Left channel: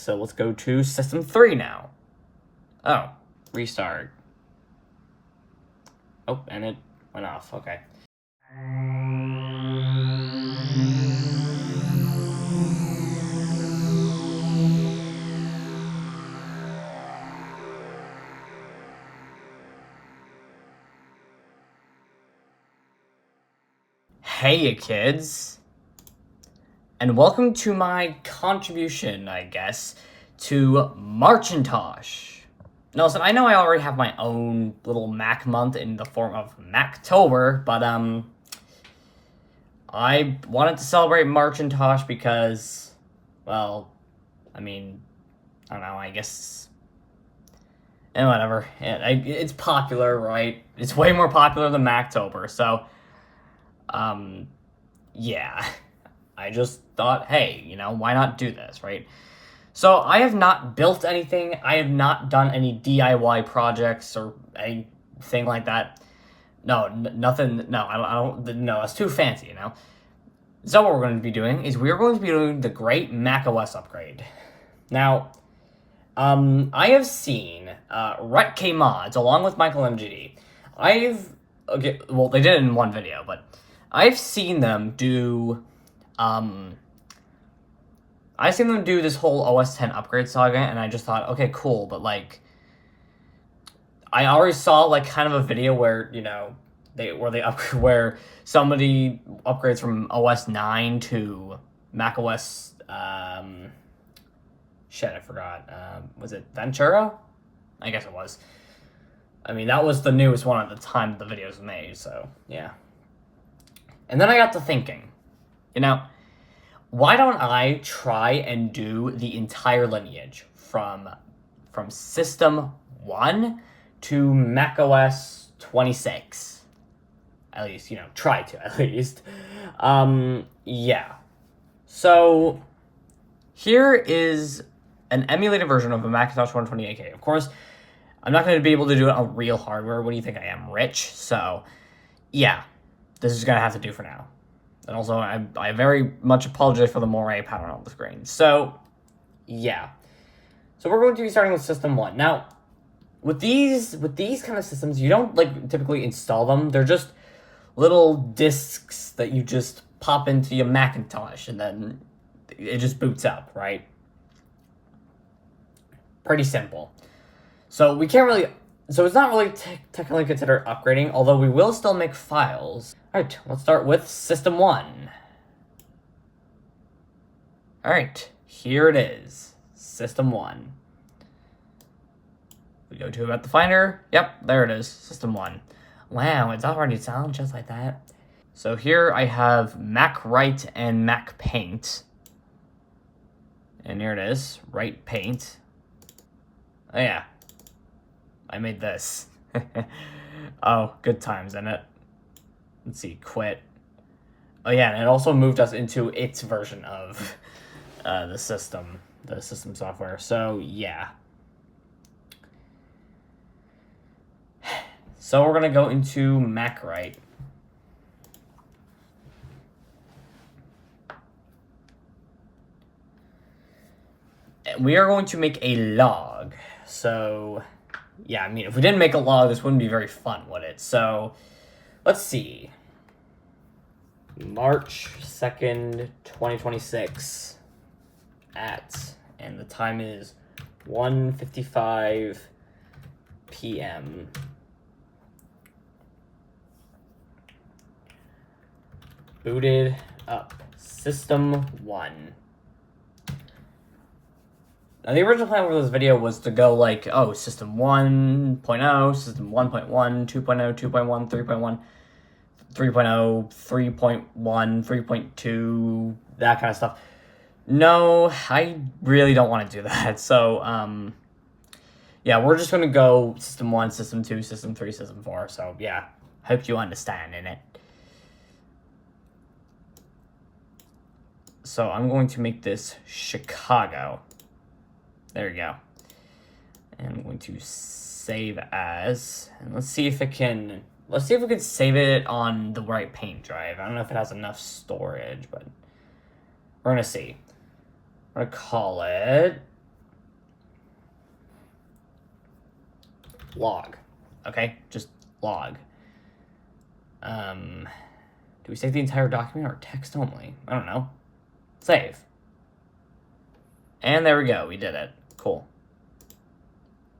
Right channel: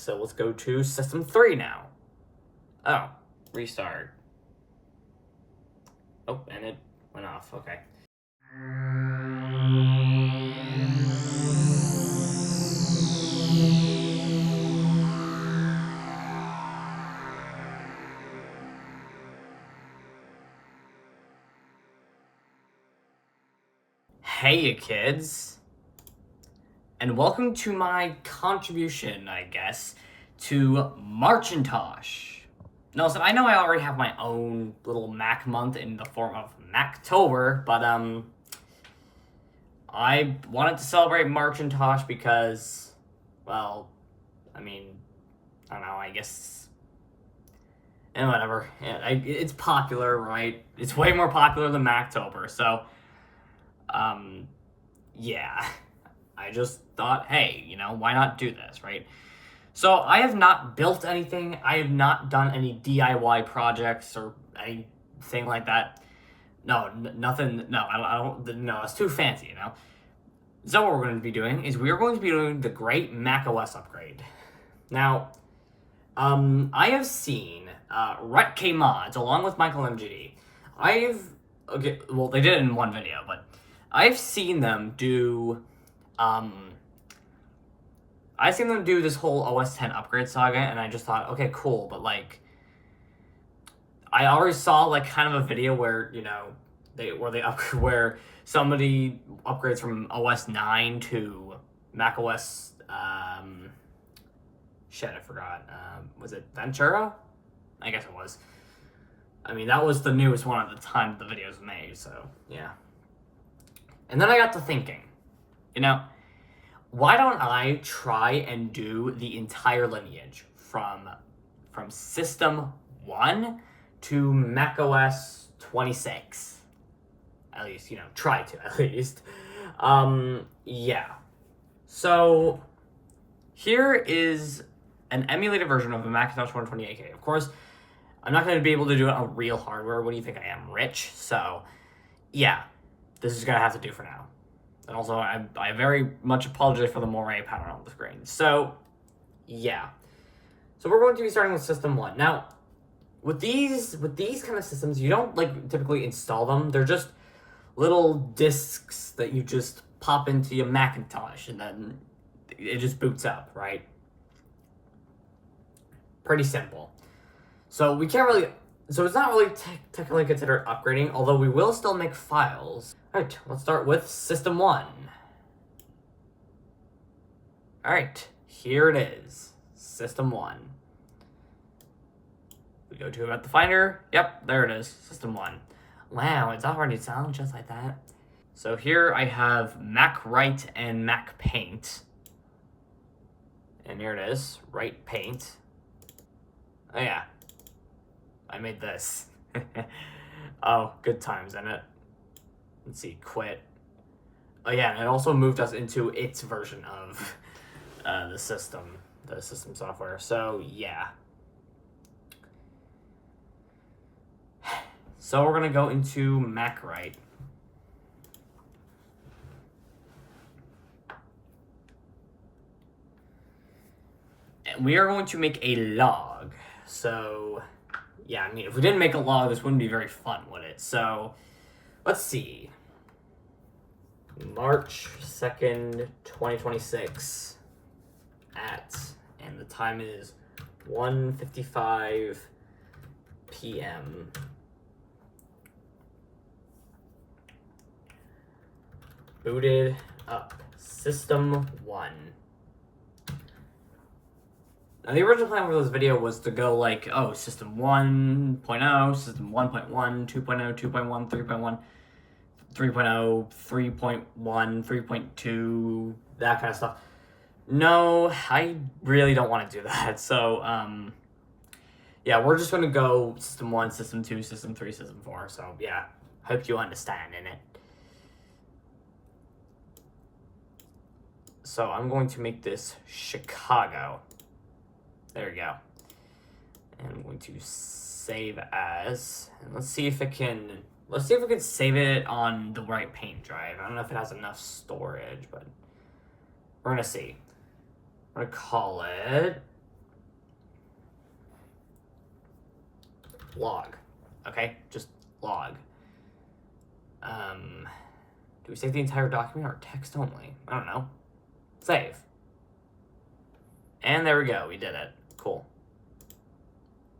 So let's go to System 3 now. Oh, restart. Oh, and it went off. Okay. Hey, you kids. And welcome to my contribution, I guess, to Marcintosh. Now, listen, I know I already have my own little Mac month in the form of Mactober, but, I wanted to celebrate Marcintosh because, well, I mean, I don't know, I guess, and whatever. It's popular, right? It's way more popular than Mactober, so, yeah. I just thought, hey, why not do this, right? So I have not built anything. I have not done any DIY projects or anything like that. No, nothing. No, I don't. No, that's too fancy, So what we're going to be doing is we are going to be doing the great macOS upgrade. Now, I have seen Rhett K Mods along with Michael MGD. Well, they did it in one video, but I've seen them do. I've seen them do this whole OS 10 upgrade saga, and I just thought, okay, cool, but, I already saw, kind of a video where, where somebody upgrades from OS 9 to macOS, shit, I forgot, was it Ventura? I guess it was. I mean, that was the newest one at the time the video was made, so, yeah. And then I got to thinking, why don't I try and do the entire lineage from System 1 to macOS 26? At least, try to, at least. Yeah. So, here is an emulated version of a Macintosh 128K. Of course, I'm not going to be able to do it on real hardware. What do you think I am, rich? So, yeah. This is going to have to do for now. And also, I very much apologize for the moire pattern on the screen. So, yeah. So we're going to be starting with System 1. Now, with these kind of systems, you don't, typically install them. They're just little disks that you just pop into your Macintosh, and then it just boots up, right? Pretty simple. So we can't really... So it's not really technically considered upgrading, although we will still make files. Alright, let's start with System 1. Alright, here it is. System 1. We go to about the Finder. Yep, there it is. System 1. Wow, it's already sound just like that. So here I have MacWrite and MacPaint. And here it is, Write Paint. Oh, yeah. I made this. Oh, good times, isn't it? Let's see, quit. Oh yeah, and it also moved us into its version of the system software. So yeah. So we're gonna go into MacWrite. And we are going to make a log. So yeah, I mean, if we didn't make a log, this wouldn't be very fun, would it? So, let's see. March 2nd, 2026 and the time is 1:55 p.m. Booted up. System 1. Now, the original plan for this video was to go System 1.0, System 1.1, 2.0, 2.1, 3.1, 3.0, 3.1, 3.2, that kind of stuff. No, I really don't want to do that. So, yeah, we're just going to go System 1, System 2, System 3, System 4. So, yeah, hope you understand in it. So, I'm going to make this Chicago. There we go. And I'm going to save as, and let's see if we can save it on the right paint drive. I don't know if it has enough storage, but we're gonna see. We're gonna call it log. Okay, just log. Do we save the entire document or text only? I don't know. Save. And there we go. We did it. Cool.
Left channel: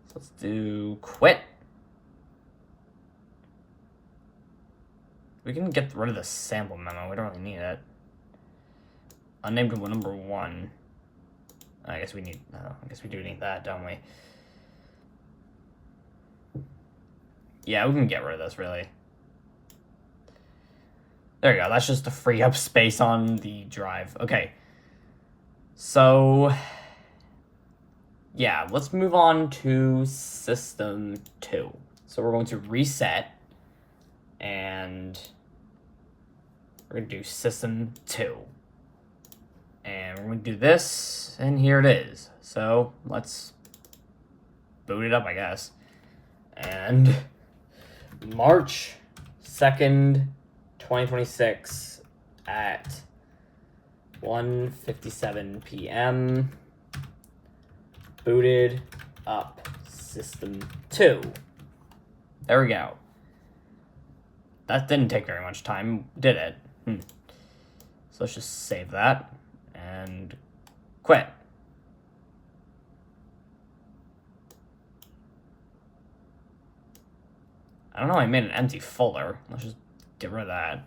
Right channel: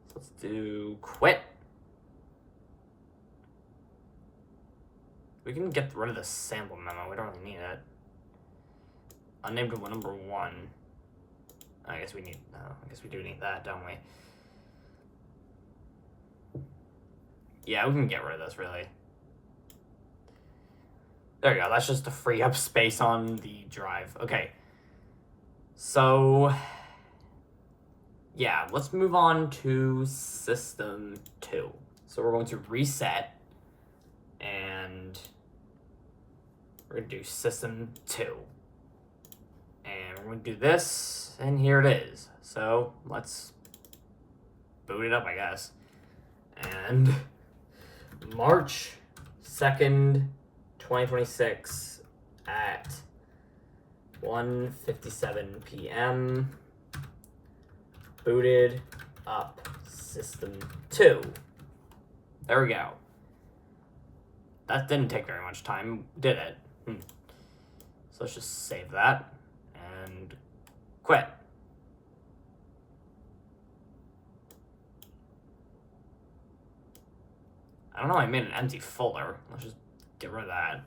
So let's do quit. We can get rid of the sample memo. We don't really need it. Unnamed number 1. I guess we do need that, don't we? Yeah, we can get rid of this, really. There you go. That's just to free up space on the drive. Okay. So, yeah, let's move on to System 2. So we're going to reset, and we're going to do System 2. And we're going to do this, and here it is. So let's boot it up, I guess. And March 2nd, 2026 at 1:57 p.m. Booted up System 2. There we go. That didn't take very much time, did it? So let's just save that and quit. I don't know, I made an empty folder. Let's just get rid of that.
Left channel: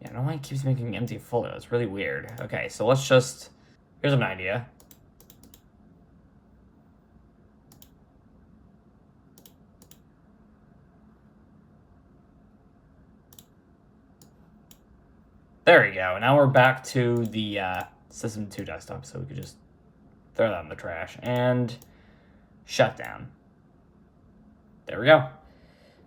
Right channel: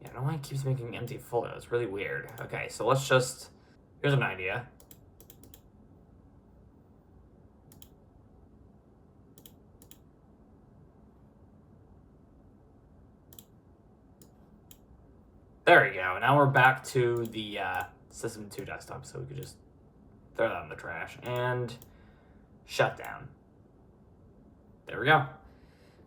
Yeah, I don't know why it keeps making an empty folder. It's really weird. Okay, so let's just... Here's an idea. There we go. Now we're back to the System 2 desktop, so we could just throw that in the trash and shut down. There we go.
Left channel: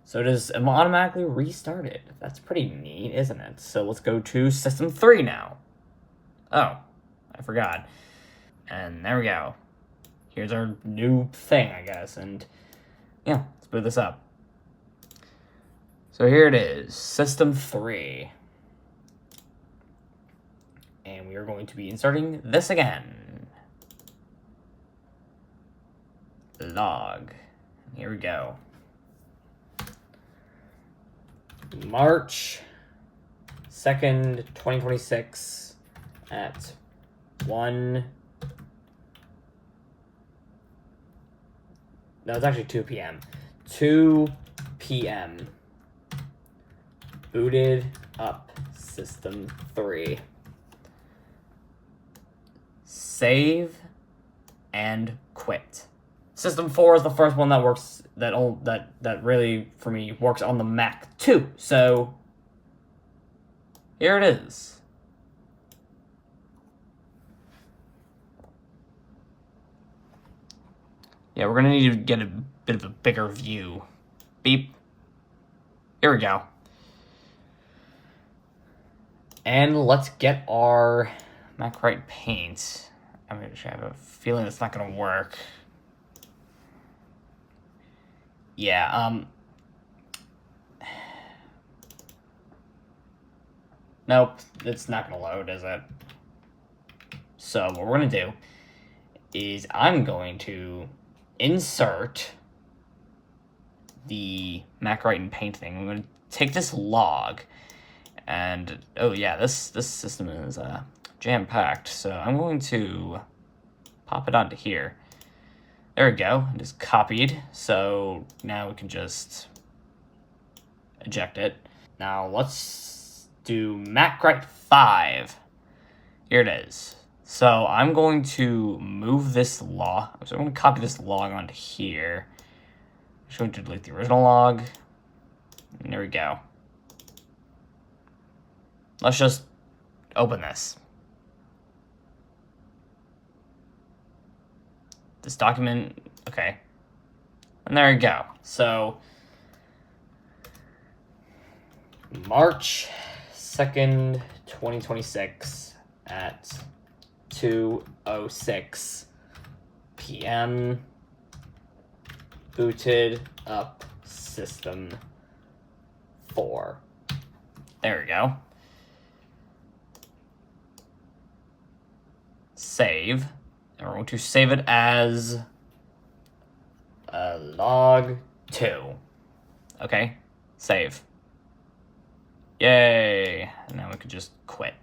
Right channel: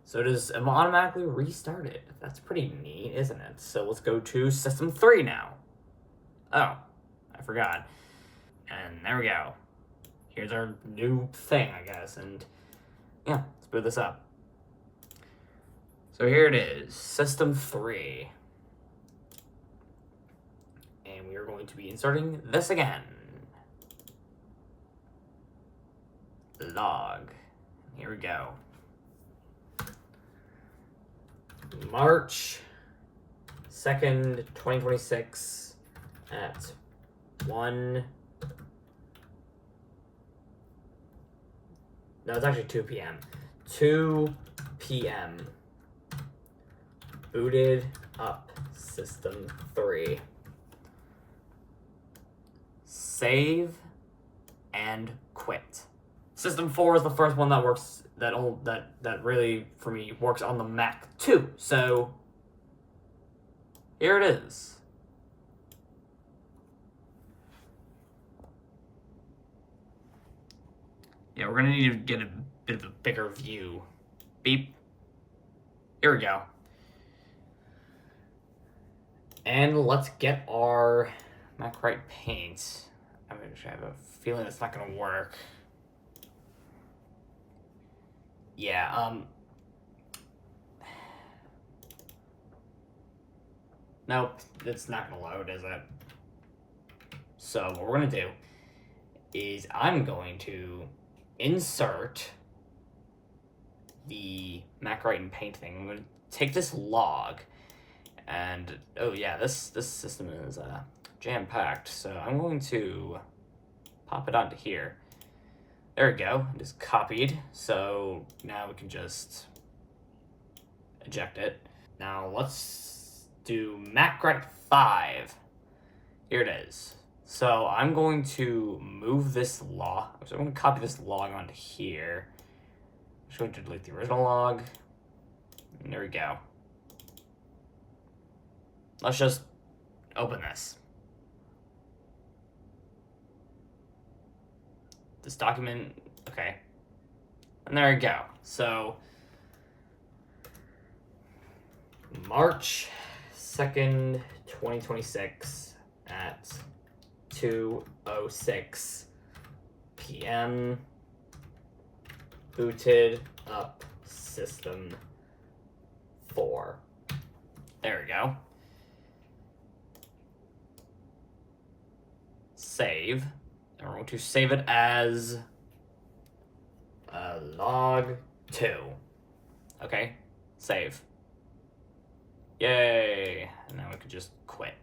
So it is automatically restarted. That's pretty neat, isn't it? So let's go to System 3 now. Oh, I forgot. And there we go. Here's our new thing, I guess. And yeah, let's boot this up. So here it is, System 3. And we are going to be inserting this again. Log. Here we go. March 2nd, 2026 at 1... No, it's actually 2 p.m. 2 p.m. Booted up System 3. Save and quit. System 4 is the first one that works, that really, for me, works on the Mac too. So, here it is. Yeah, we're gonna need to get a bit of a bigger view. Beep. Here we go. And let's get our macOS Paint. I have a feeling it's not gonna work. Yeah, nope, it's not gonna load, is it? So what we're gonna do is I'm going to insert the macOS Paint thing. I'm gonna take this log, and oh yeah, this system is jam-packed, so I'm going to pop it onto here. There we go, it is copied, so now we can just eject it. Now let's do macOS 5. Here it is. So I'm going to move this log, so I'm going to copy this log onto here. I'm just going to delete the original log, and there we go. Let's just open this. This document, okay. And there you go. So, March 2nd, 2026 at 2:06 p.m. booted up system 4. There we go. Save. And we're going to save it as log 2. Okay, save. Yay. And now we could just quit.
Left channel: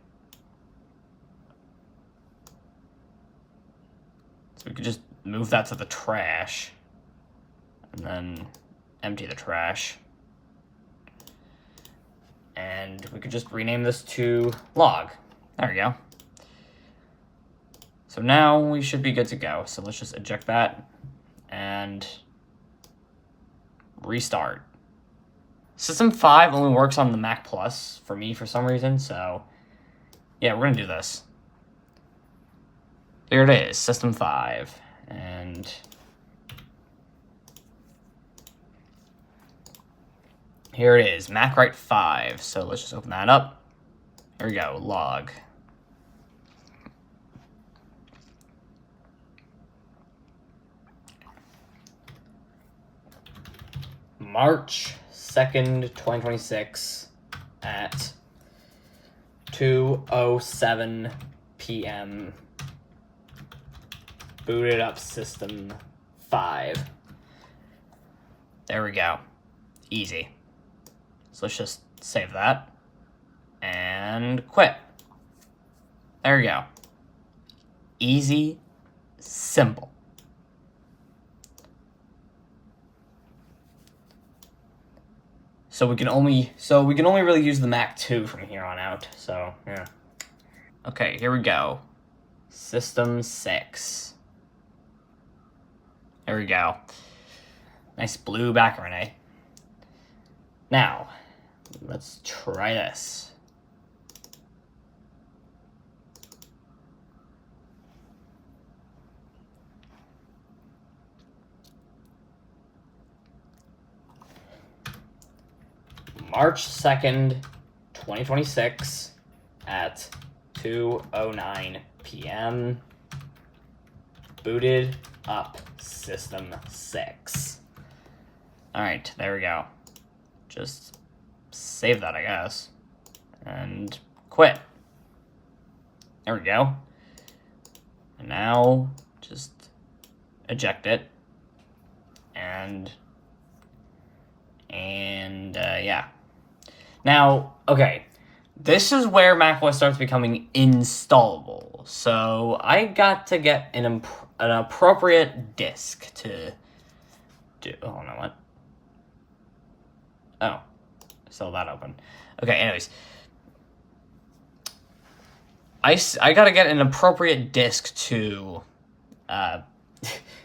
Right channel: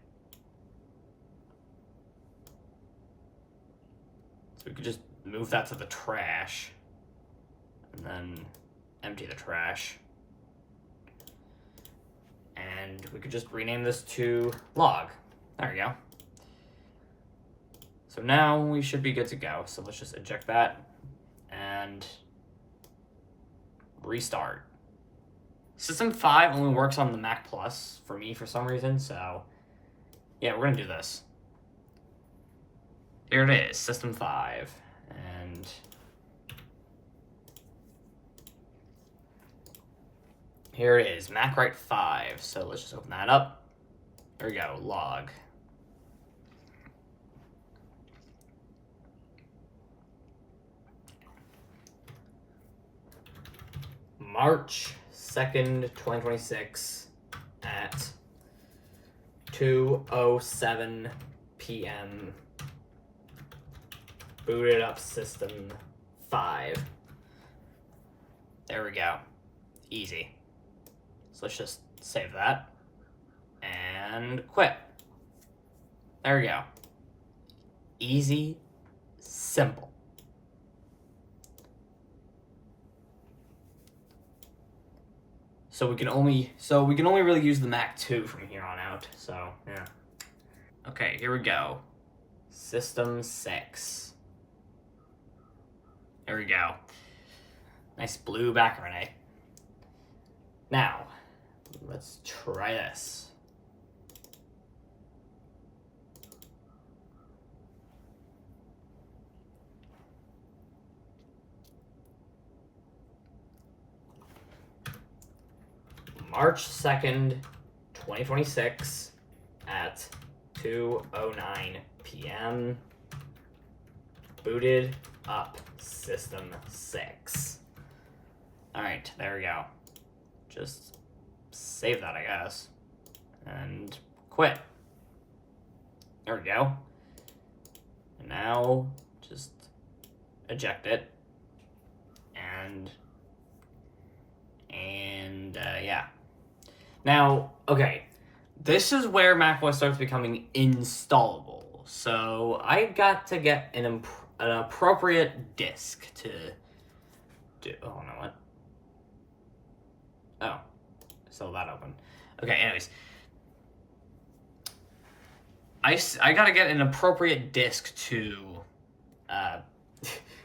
So we could just move that to the trash. And then empty the trash. And we could just rename this to log. There we go. So now we should be good to go. So let's just eject that and restart. System 5 only works on the Mac Plus for me for some reason, so yeah, we're gonna do this. Here it is, System 5, and here it is, MacWrite 5. So let's just open that up. Here we go, log. March 2nd, 2026 at 2:07 p.m. Booted up system 5. There we go. Easy. So let's just save that and quit. There we go. Easy, simple. So we can only really use the Mac 2 from here on out. So yeah. Okay, here we go. System 6. There we go. Nice blue background, eh? Now, let's try this. March 2nd, 2026 at 2:09 p.m. Booted up system 6. All right, there we go. Just save that, I guess, and quit. There we go. And now just eject it and yeah. Now, okay, this is where macOS starts becoming installable. So I got to get an appropriate disk to do. Oh no, what? Oh, still that open. Okay, anyways, I gotta get an appropriate disk to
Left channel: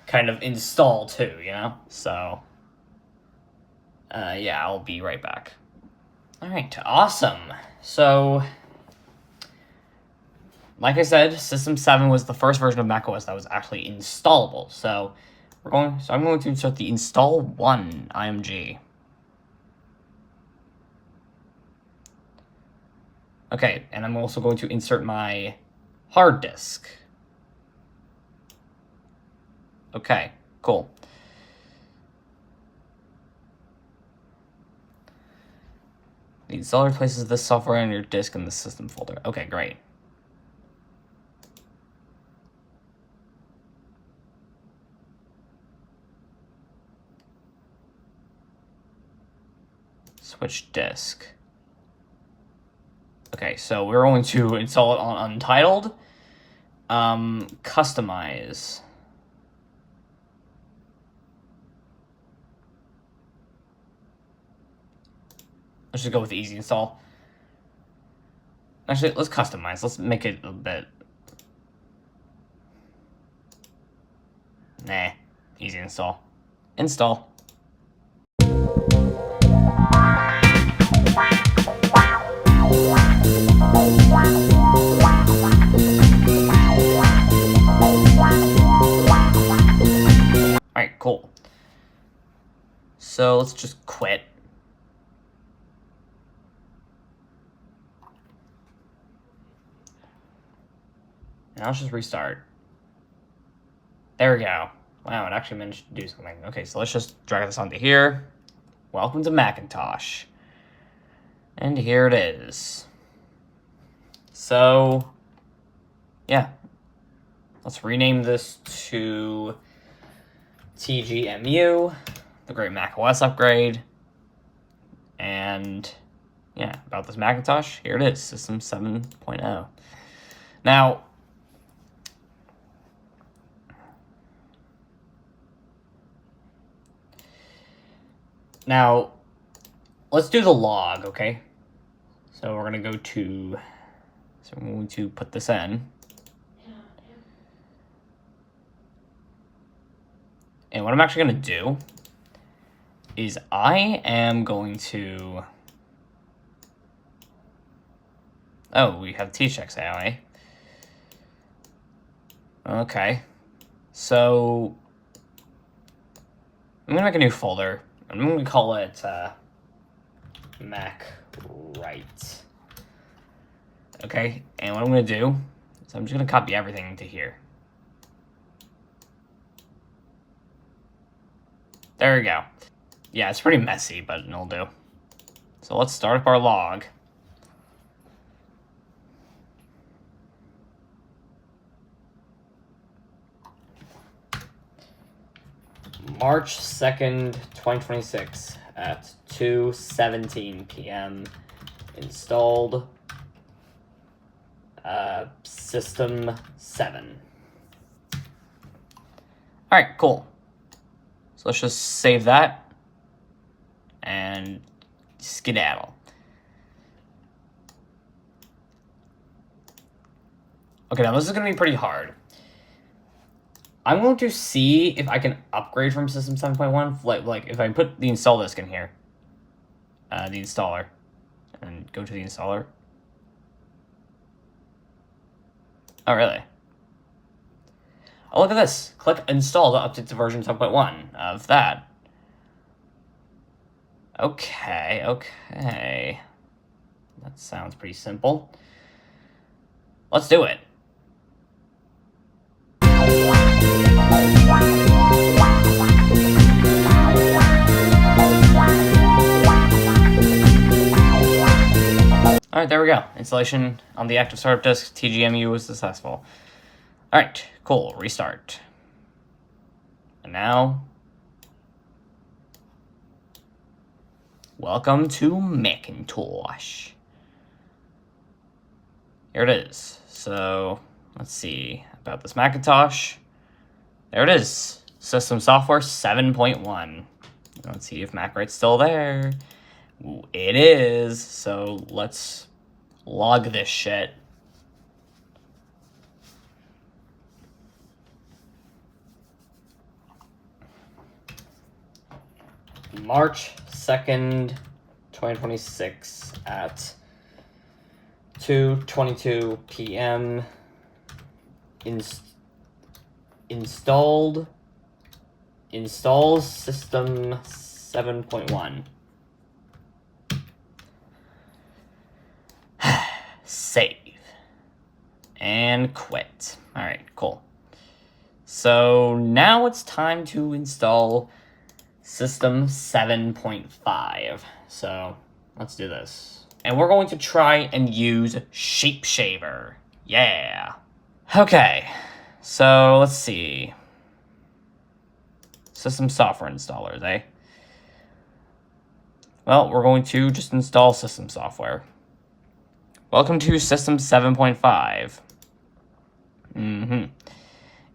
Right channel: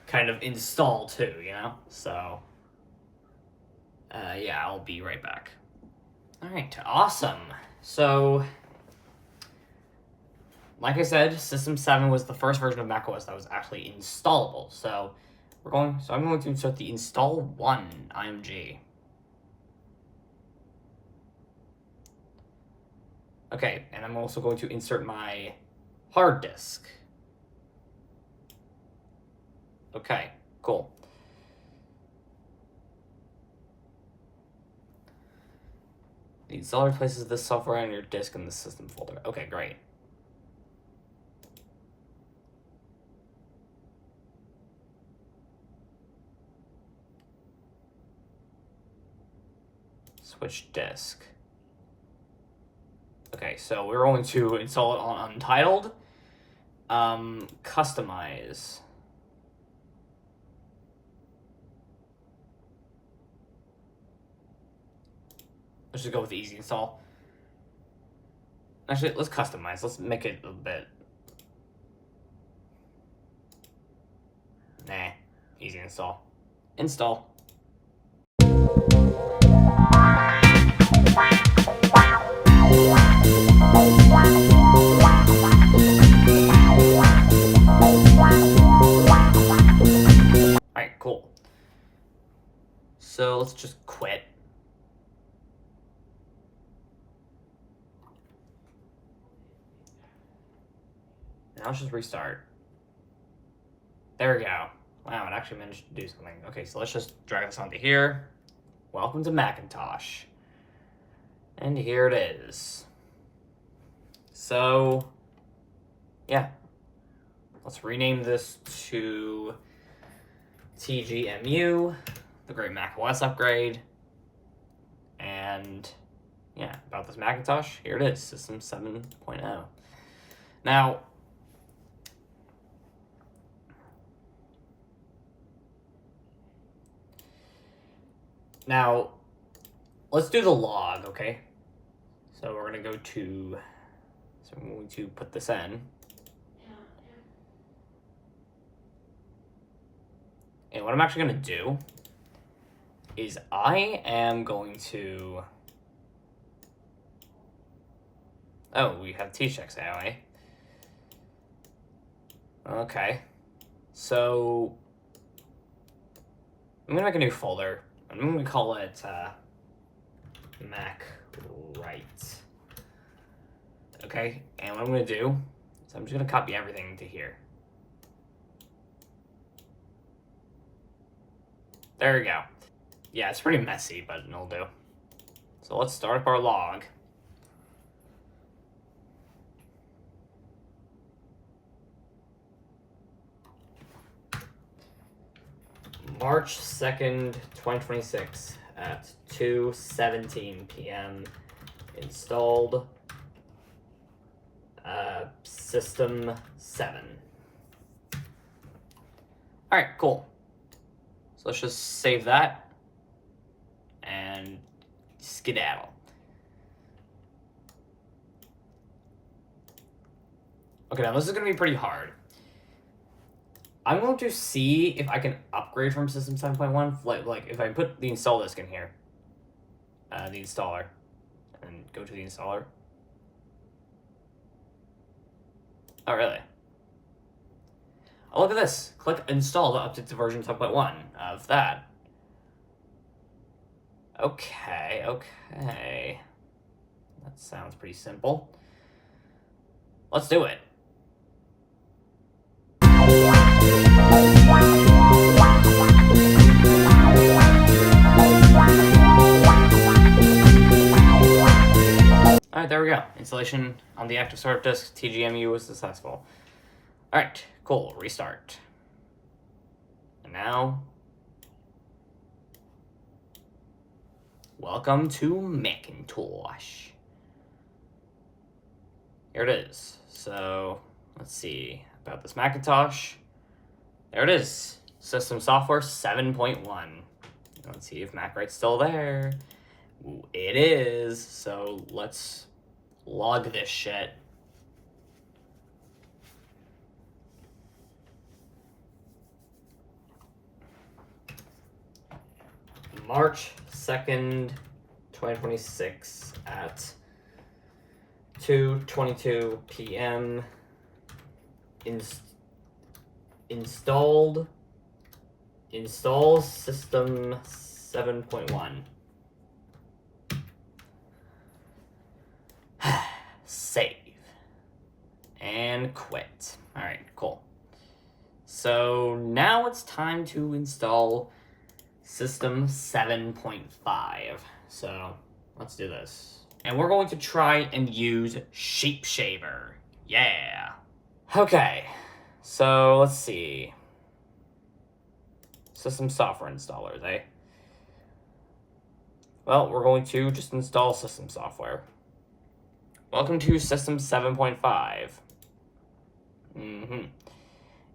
kind of install too, you know? So yeah, I'll be right back. All right, awesome. So, like I said, System 7 was the first version of macOS that was actually installable. So I'm going to insert the install 1 IMG. Okay, and I'm also going to insert my hard disk. Okay, cool. The installer places this software on your disk in the system folder. Okay, great. Switch disk. Okay, so we're going to install it on Untitled. Customize. Let's just go with easy install. Actually, let's customize. Let's make it a bit. Nah, easy install. Install. Alright, cool. So let's just quit. Now let's just restart. There we go. Wow, it actually managed to do something. Okay, so let's just drag this onto here. Welcome to Macintosh. And here it is. So, yeah. Let's rename this to TGMU, the Great macOS Upgrade. And, yeah, about this Macintosh, here it is, System 7.0. Now, let's do the log, okay? So we're going to put this in. And what I'm actually going to do is I am going to... Oh, we have tchecks AI. Okay. So I'm going to make a new folder. I'm going to call it Mac Write. Okay, and what I'm going to do is I'm just going to copy everything into here. There we go. Yeah, it's pretty messy, but it'll do. So let's start up our log. March 2nd, 2026 at 2:17 p.m. Installed System 7. Alright, cool. So let's just save that and skedaddle. Okay, now this is going to be pretty hard. I'm going to see if I can upgrade from System 7.1. Like if I put the install disk in here, the installer, and go to the installer. Oh, really? Oh, look at this. Click install to update to version 7.1 of that. Okay. That sounds pretty simple. Let's do it. Alright, there we go. Installation on the active startup disk, TGMU was successful. Alright, cool. Restart. And now, welcome to Macintosh. Here it is. So, let's see about this Macintosh. There it is. System software 7.1. Let's see if MacWrite's still there. It is. So let's log this shit. March 2nd, 2026 at 2:22 p.m. Install System 7.1. Save. And quit. Alright, cool. So now it's time to install System 7.5. So let's do this. And we're going to try and use Shapeshaver. Yeah. Okay. So let's see. System software installers, eh? Well, we're going to just install system software. Welcome to System 7.5.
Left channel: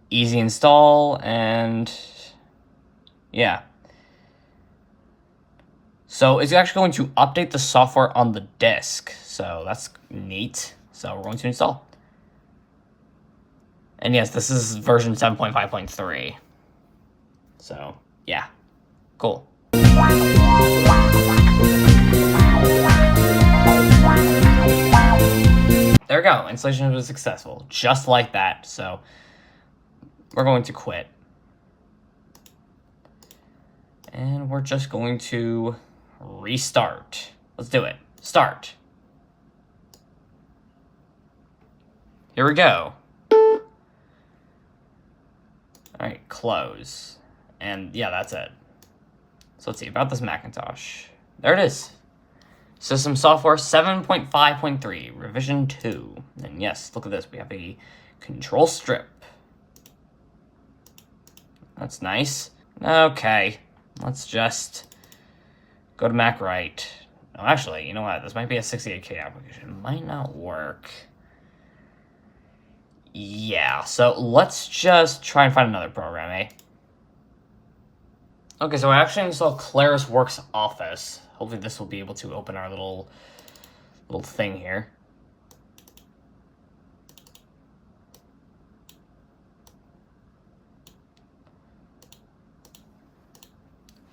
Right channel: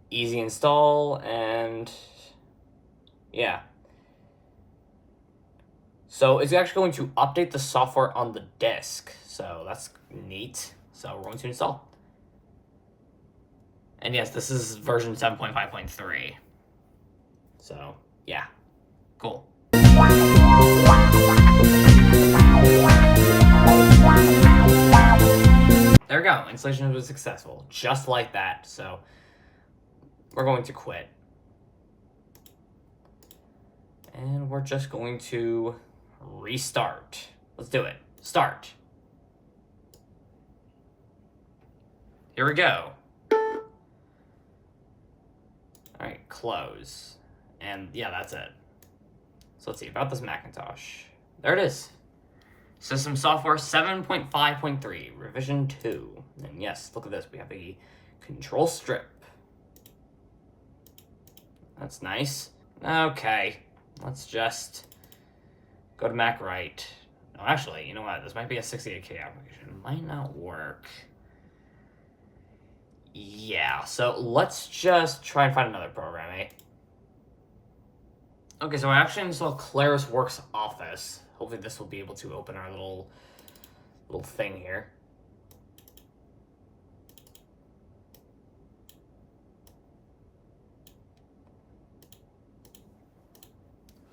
Easy install, and yeah. So it's actually going to update the software on the disk. So that's neat. So we're going to install. And yes, this is version 7.5.3. So, yeah. Cool. There we go. Installation was successful. Just like that. So, we're going to quit. And we're just going to restart. Let's do it. Start. Here we go. All right, close. And yeah, that's it. So let's see about this Macintosh. There it is. System software 7.5.3, revision 2. And yes, look at this. We have a control strip. That's nice. Okay, let's just go to Mac Write. Oh, actually, you know what? This might be a 68K application. It might not work. Yeah, so let's just try and find another program, eh? Okay, so I actually installed Claris Works Office. Hopefully this will be able to open our little thing here.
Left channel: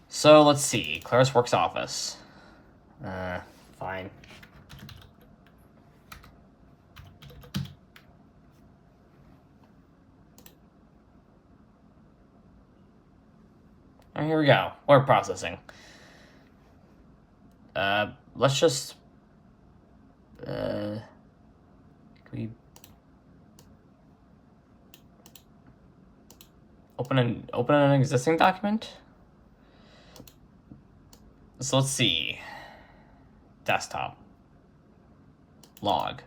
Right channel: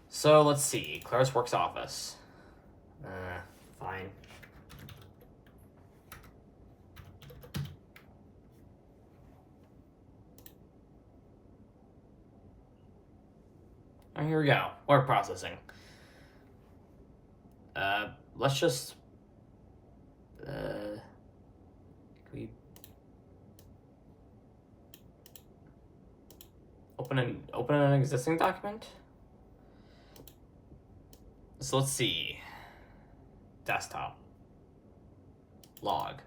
So let's see, Claris Works Office. Fine. All right, here we go. Word processing. Let's just can we open an existing document? So let's see. Desktop. Log.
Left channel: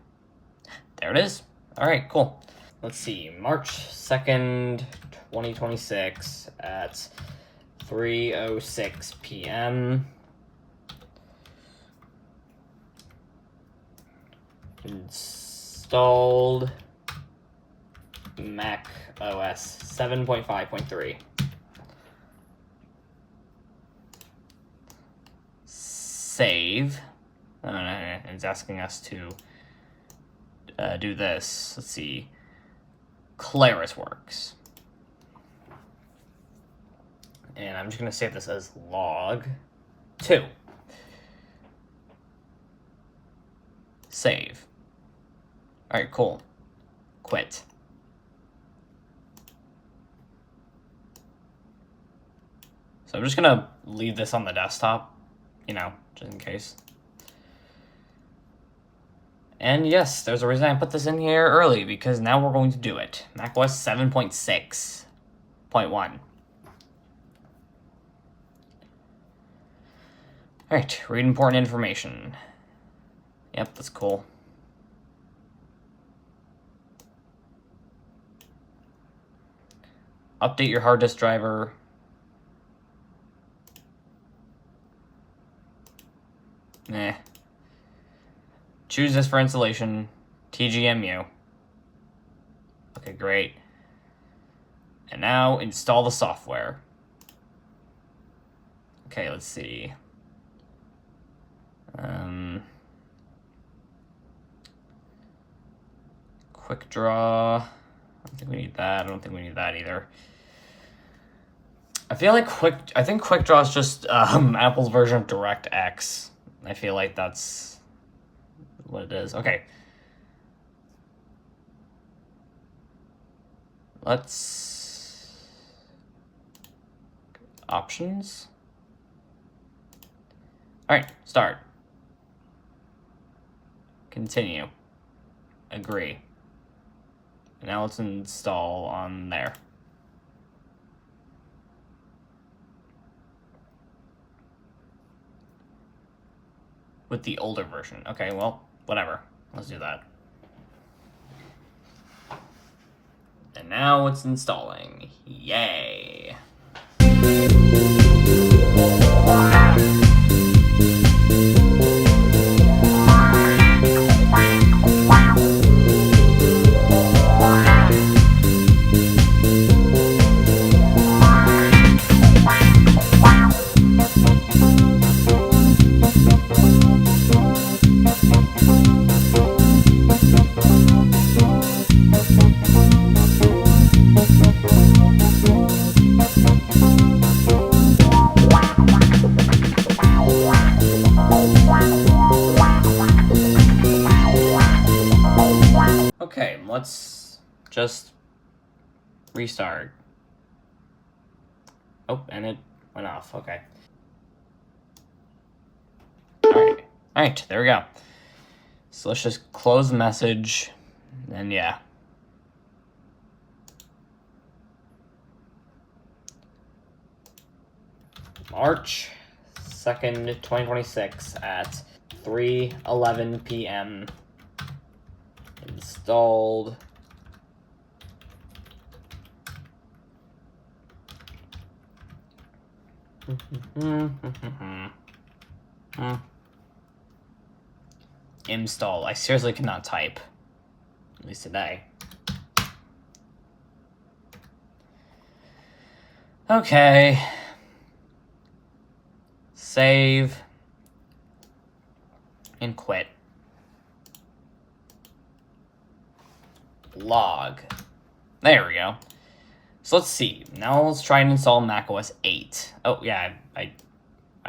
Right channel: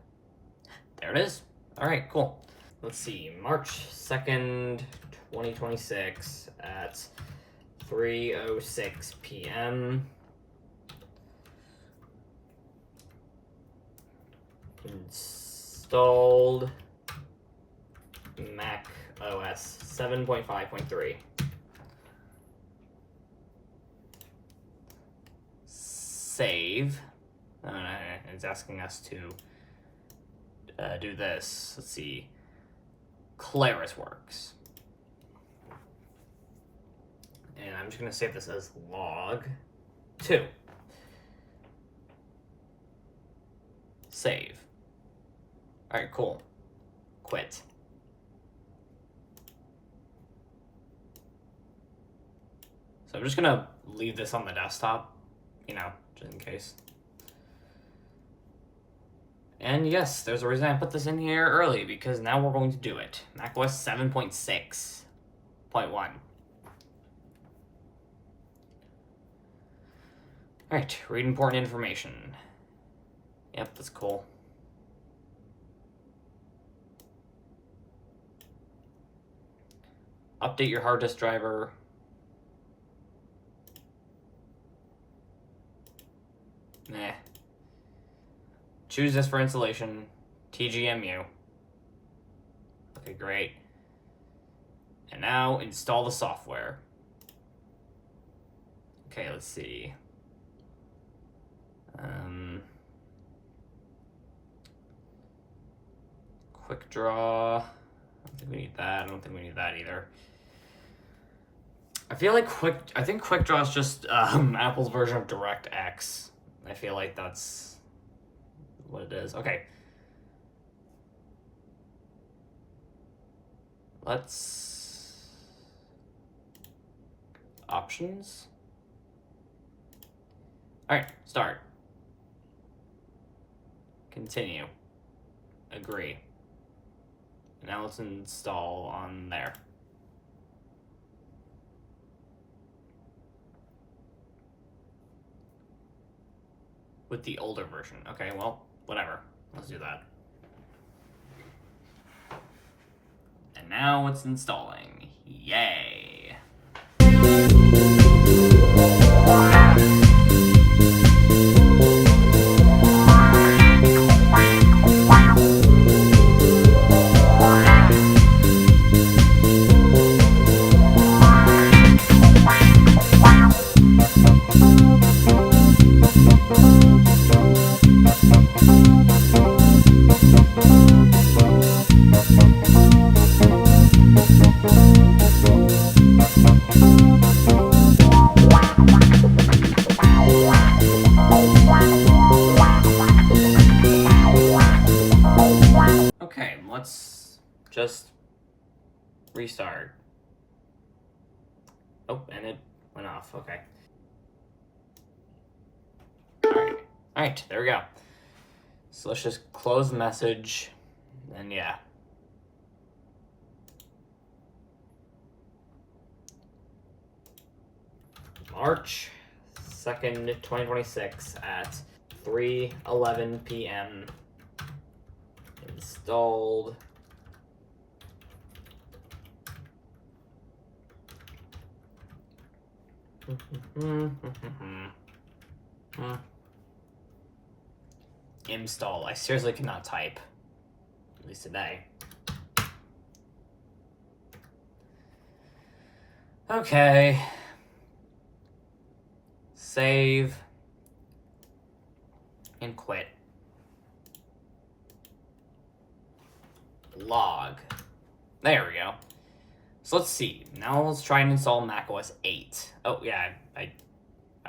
There it is. All right, cool. Let's see. March 2nd, 2026 at 3:06 p.m. Installed macOS 7.5.3. Save. It's asking us to do this. Let's see. Claris Works. And I'm just going to save this as log 2. Save. All right, cool. Quit. So I'm just going to leave this on the desktop, you know, just in case. And yes, there's a reason I put this in here early, because now we're going to do it. macOS 7.6.1. All right, read important information. Yep, that's cool. Update your hard disk driver. Nah. Choose this for installation. TGMU. Okay, great. And now install the software. Okay, let's see. Quick draw. I don't think we need that. I don't think we need that either. I think Quick Draw is just Apple's version of DirectX. I feel like that's what it is. Okay. Let's options. All right, start. Continue. Agree. Now let's install on there. With the older version. Okay, well, whatever. Let's do that. And now it's installing. Yay! Okay, let's just restart. Oh, and it went off. Okay. Alright, there we go. So let's just close the message, and yeah. March 2nd, 2026 at 3:11 p.m. Installed. Install. I seriously cannot type. At least today. Okay. Save. And quit. Log. There we go. So let's see. Now let's try and install macOS 8. Oh yeah, I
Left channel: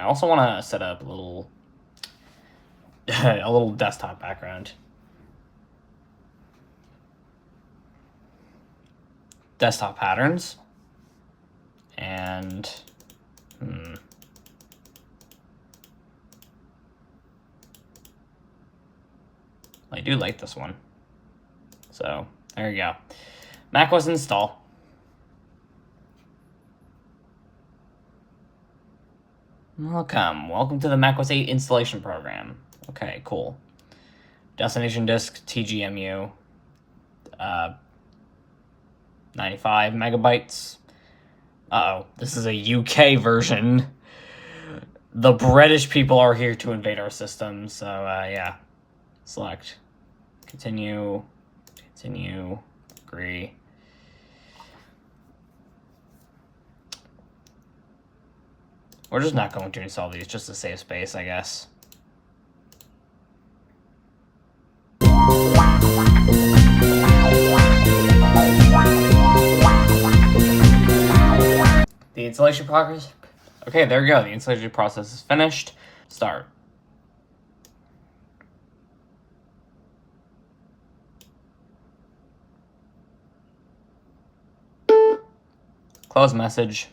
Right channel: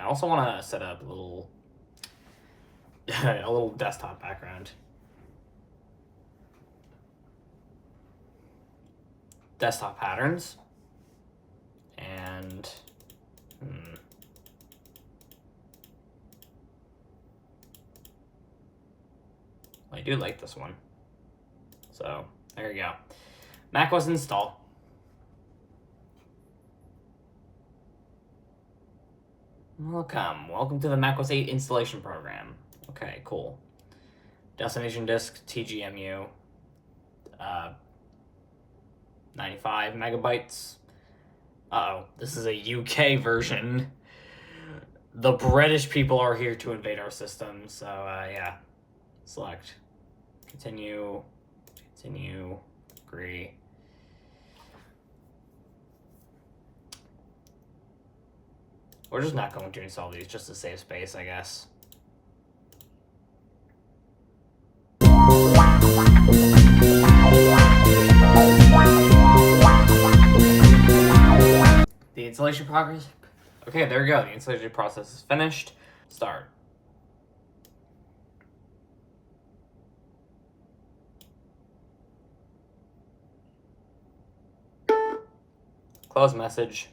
also want to set up a little a little desktop background. Desktop patterns. And I do like this one. So there you go. macOS install. Welcome to the macOS 8 installation program. Okay, cool. Destination disk TGMU, 95 megabytes. Uh-oh, this is a UK version. The British people are here to invade our system, so yeah. Select. Continue, agree. We're just not going to install these just to save space, I guess. The installation progress? Okay, there we go. The installation process is finished. Start. Close message.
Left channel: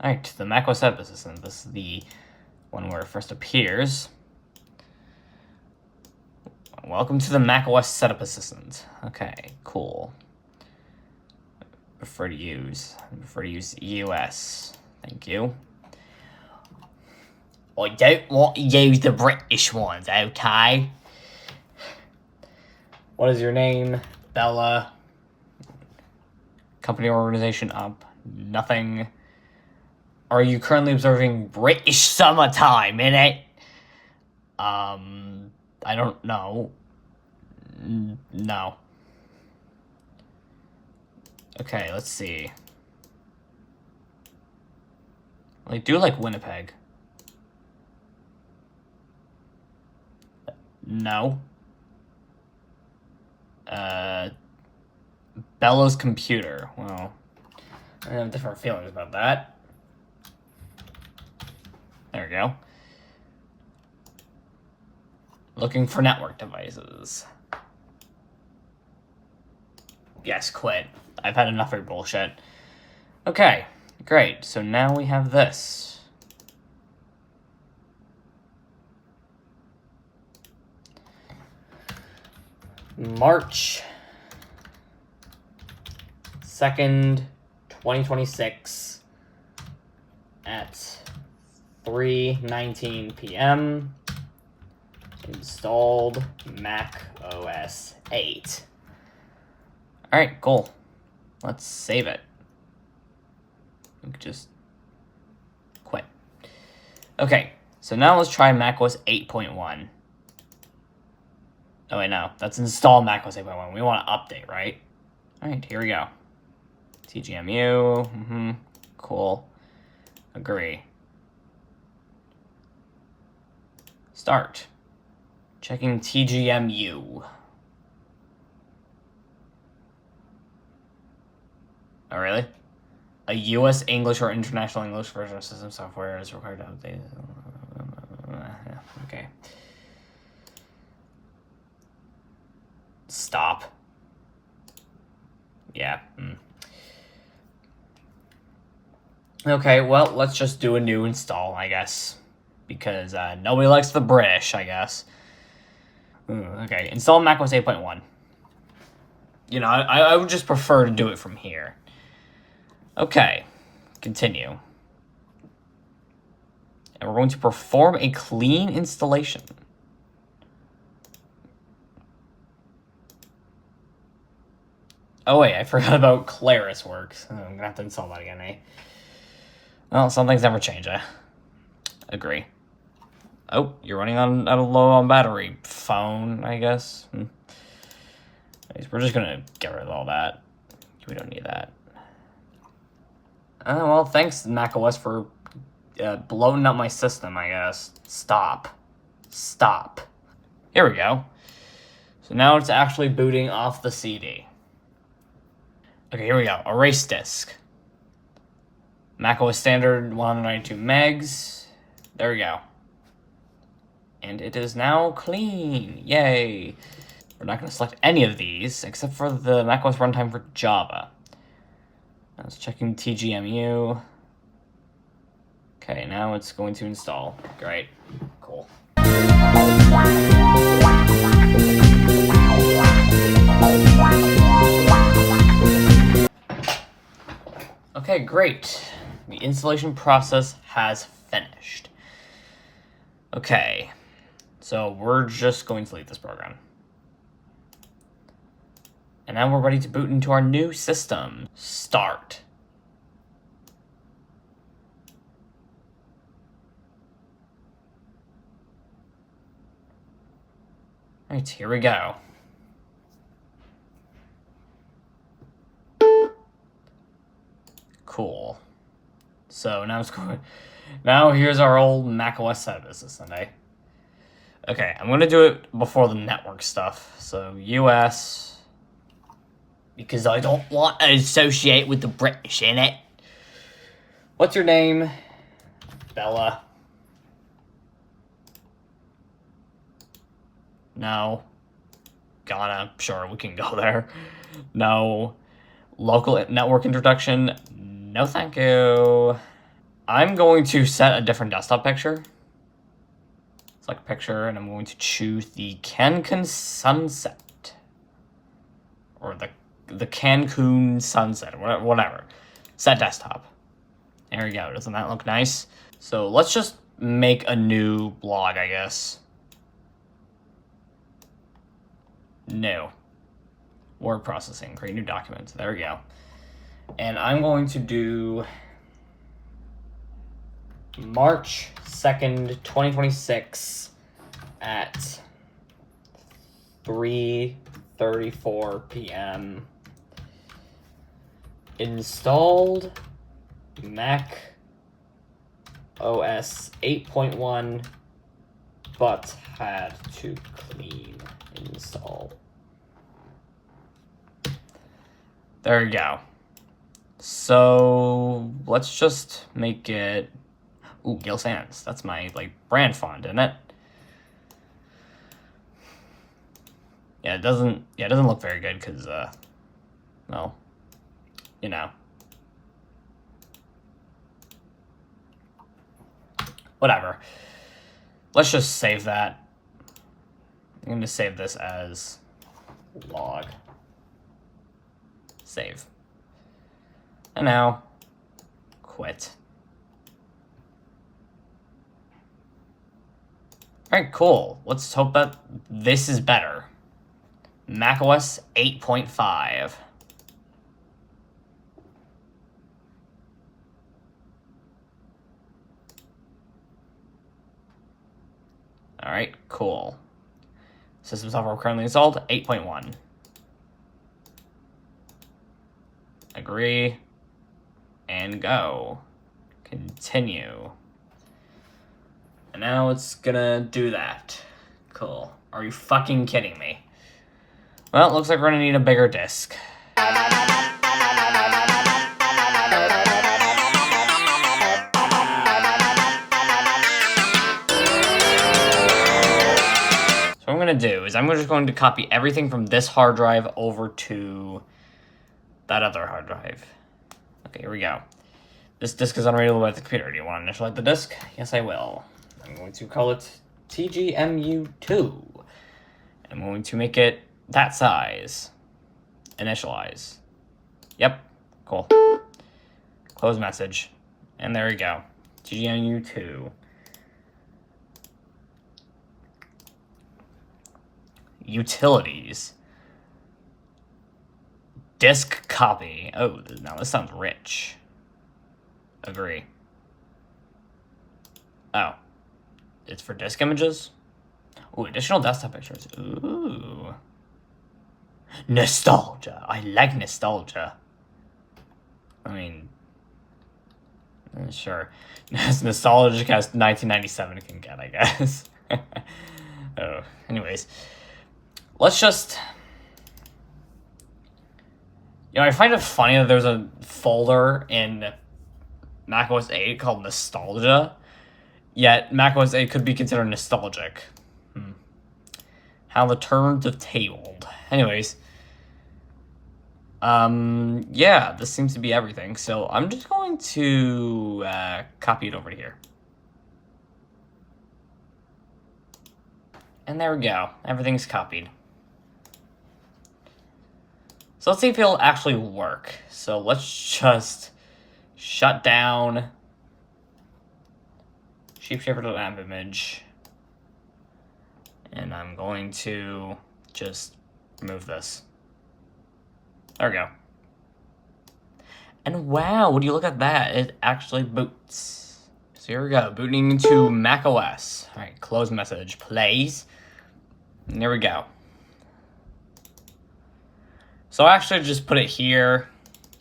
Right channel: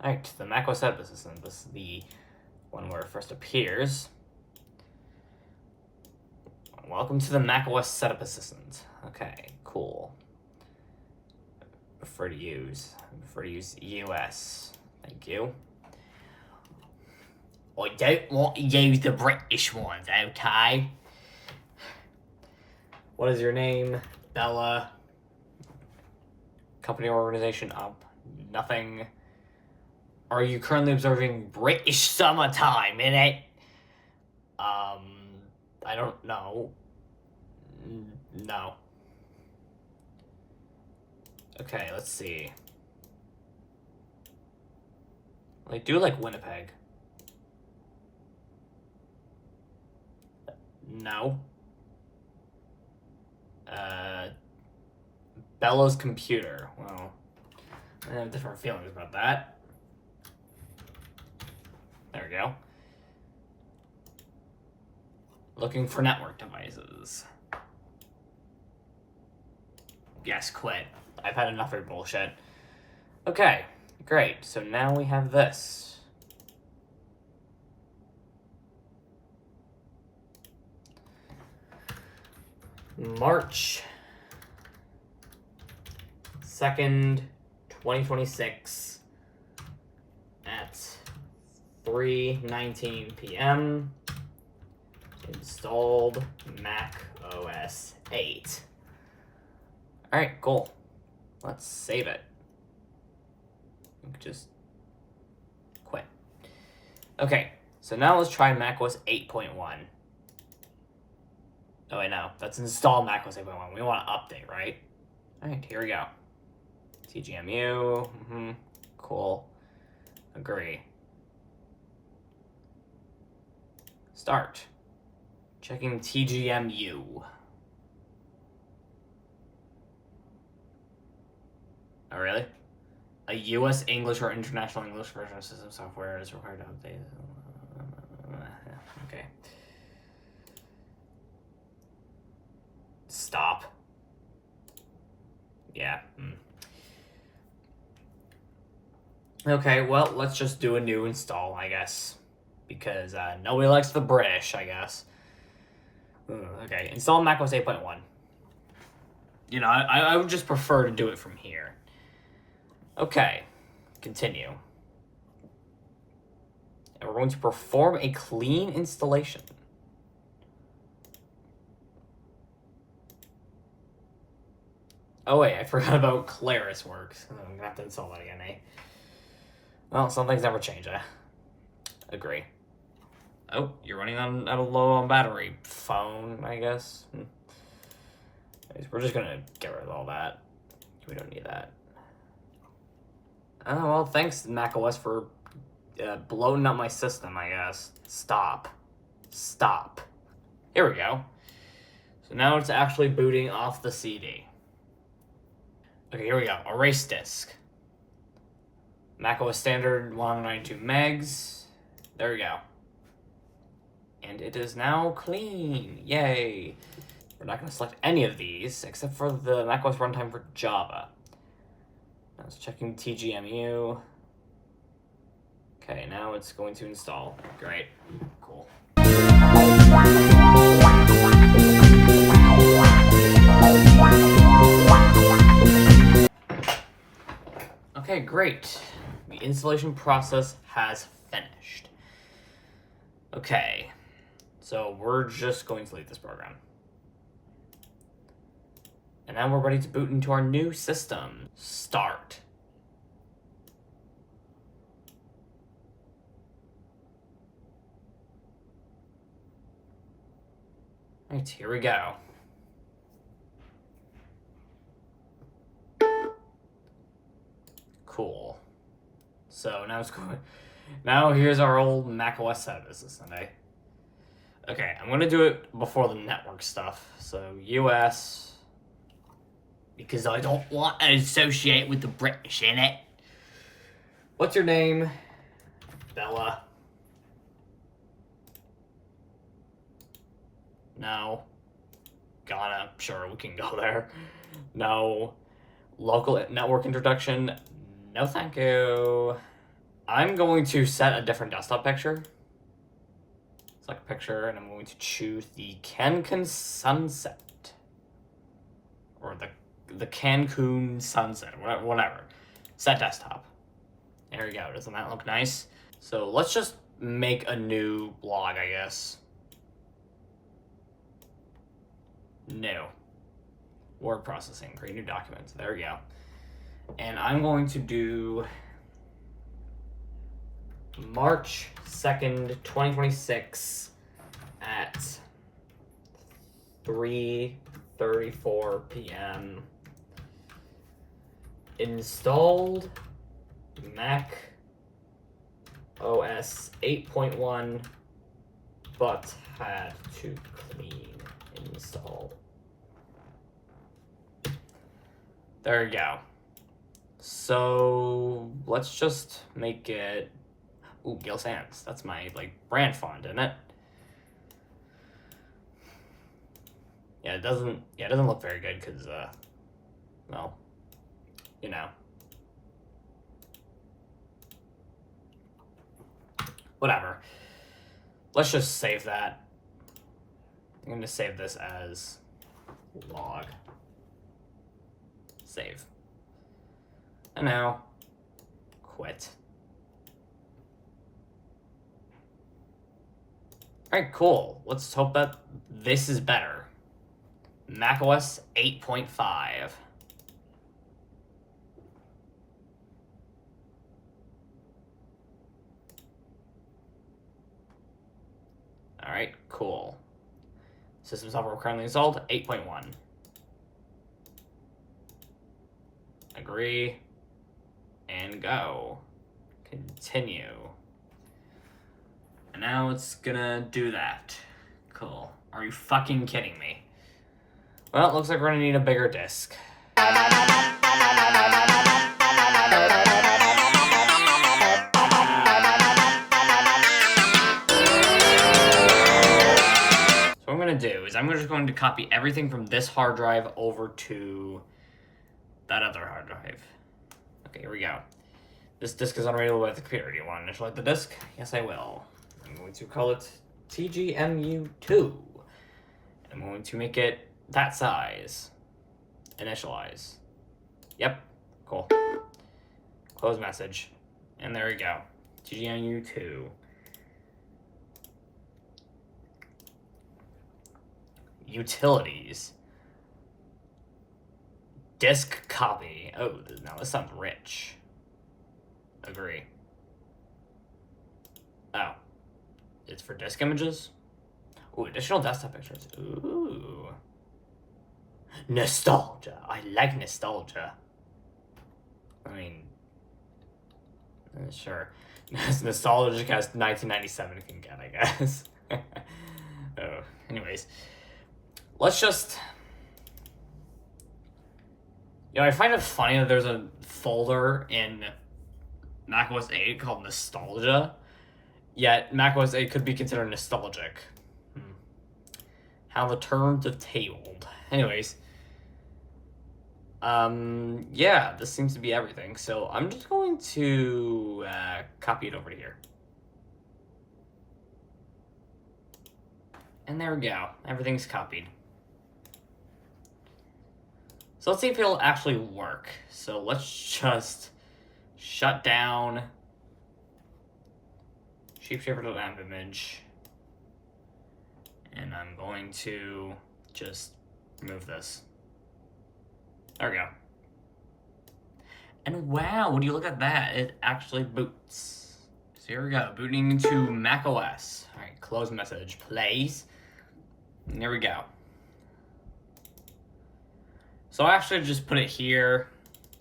Alright, the macOS Setup Assistant. This is the one where it first appears. Welcome to the macOS Setup Assistant. Okay, cool. Prefer to use US. Thank you. I don't want to use the British ones, okay? What is your name? Bella. Company organization up. Nothing. Are you currently observing British summertime in it? I don't know. No. Okay, let's see. I do like Winnipeg. No. Bella's computer. Well, I have different feelings about that. There we go. Looking for network devices. Yes, quit. I've had enough of your bullshit. Okay, great. So now we have this. March 2nd, 2026 at 3:19 p.m. Installed macOS 8. Alright, cool. Let's save it. We could just quit. Okay, so now let's try macOS 8.1. Oh wait, no. That's install macOS 8.1. We want to update, right? Alright, here we go. TGMU. Cool. Agree. Start. Checking TGMU. Oh, really? A U.S. English or International English version of system software is required to update. Okay. Stop. Yeah. Okay, well, let's just do a new install, I guess. Because nobody likes the British, I guess. Okay, install macOS 8.1. You know, I would just prefer to do it from here. Okay, continue. And we're going to perform a clean installation. Oh wait, I forgot about Claris works. Oh, I'm gonna have to install that again, eh? Well, some things never change, eh? Agree. Oh, you're running out of low on battery. Phone, I guess. We're just gonna get rid of all that. We don't need that. Well, thanks, macOS, for bloating up my system, I guess. Stop. Here we go. So now it's actually booting off the CD. Okay, here we go. Erase disk. macOS standard 192 megs. There we go. And it is now clean. Yay. We're not going to select any of these except for the macOS runtime for Java. I was checking TGMU. Okay, now it's going to install. Great. Cool. Okay, great. The installation process has finished. Okay, so we're just going to delete this program. And now we're ready to boot into our new system. Start. All right, here we go. Cool. So now it's going. Now here's our old macOS side of the system, eh? Okay, I'm gonna do it before the network stuff. So US, because I don't want to associate with the British in it. What's your name? Bella. No. Ghana. Sure, we can go there. No. Local network introduction. No, thank you. I'm going to set a different desktop picture. Select picture, and I'm going to choose the Cancun sunset. Or the Cancun sunset, whatever. Set desktop. There we go. Doesn't that look nice? So let's just make a new blog, I guess. New. Word processing. Create new document. There we go. And I'm going to do March 2nd, 2026 at 3:34 p.m. Installed Mac OS 8.1, but had to clean install. There we go. So let's just make it. Ooh, Gil Sans. That's my brand font, isn't it? Yeah, it doesn't look very good because well, you know. Whatever. Let's just save that. I'm going to save this as log. Save. And now, quit. Alright, cool. Let's hope that this is better. macOS 8.5. Alright, cool. System software currently installed, 8.1. Agree. And go. Continue. And now it's gonna do that. Cool. Are you fucking kidding me? Well, it looks like we're gonna need a bigger disk. So what I'm gonna do is I'm just going to copy everything from this hard drive over to that other hard drive. Okay, here we go. This disk is unreadable by the computer. Do you want to initialize the disk? Yes, I will. I'm going to call it TGMU2. I'm going to make it that size. Initialize. Yep, cool. Close message. And there we go. TGMU2. Utilities. Disk copy. Oh, now this sounds rich. Agree. Oh. It's for disk images? Ooh, additional desktop pictures. Ooh. Nostalgia. I like nostalgia. I mean, sure. As nostalgic as 1997 can get, I guess. Oh, anyways. Let's just... You know, I find it funny that there's a folder in macOS 8 called Nostalgia, yet macOS 8 could be considered nostalgic. How the terms have tabled. Anyways. Yeah, this seems to be everything, so I'm just going to copy it over to here. And there we go. Everything's copied. So let's see if it'll actually work. So let's just shut down shapeshifter.app image. And I'm going to just remove this. There we go. And wow, would you look at that? It actually boots. So here we go, booting into macOS. All right, close message, plays. And there we go. So I actually just put it here.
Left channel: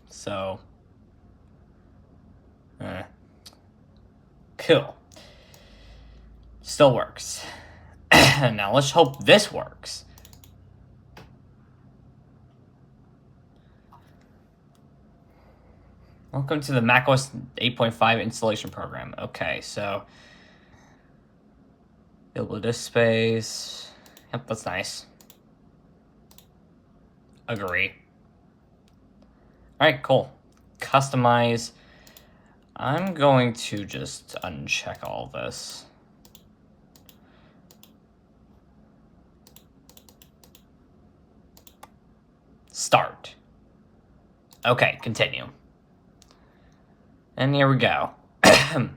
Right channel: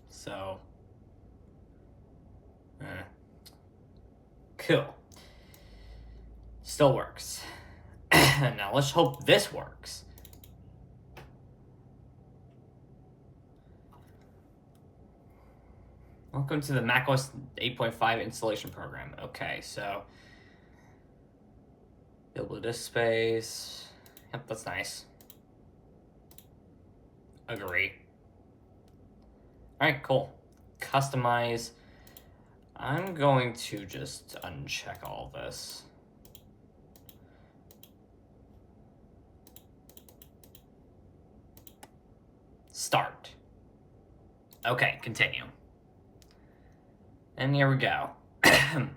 So, cool. Still works. Now let's hope this works. Welcome to the macOS 8.5 installation program. Okay, so available disk space. Yep, that's nice. Agree. All right, cool. Customize. I'm going to just uncheck all this. Start. Okay, continue. And here we go. The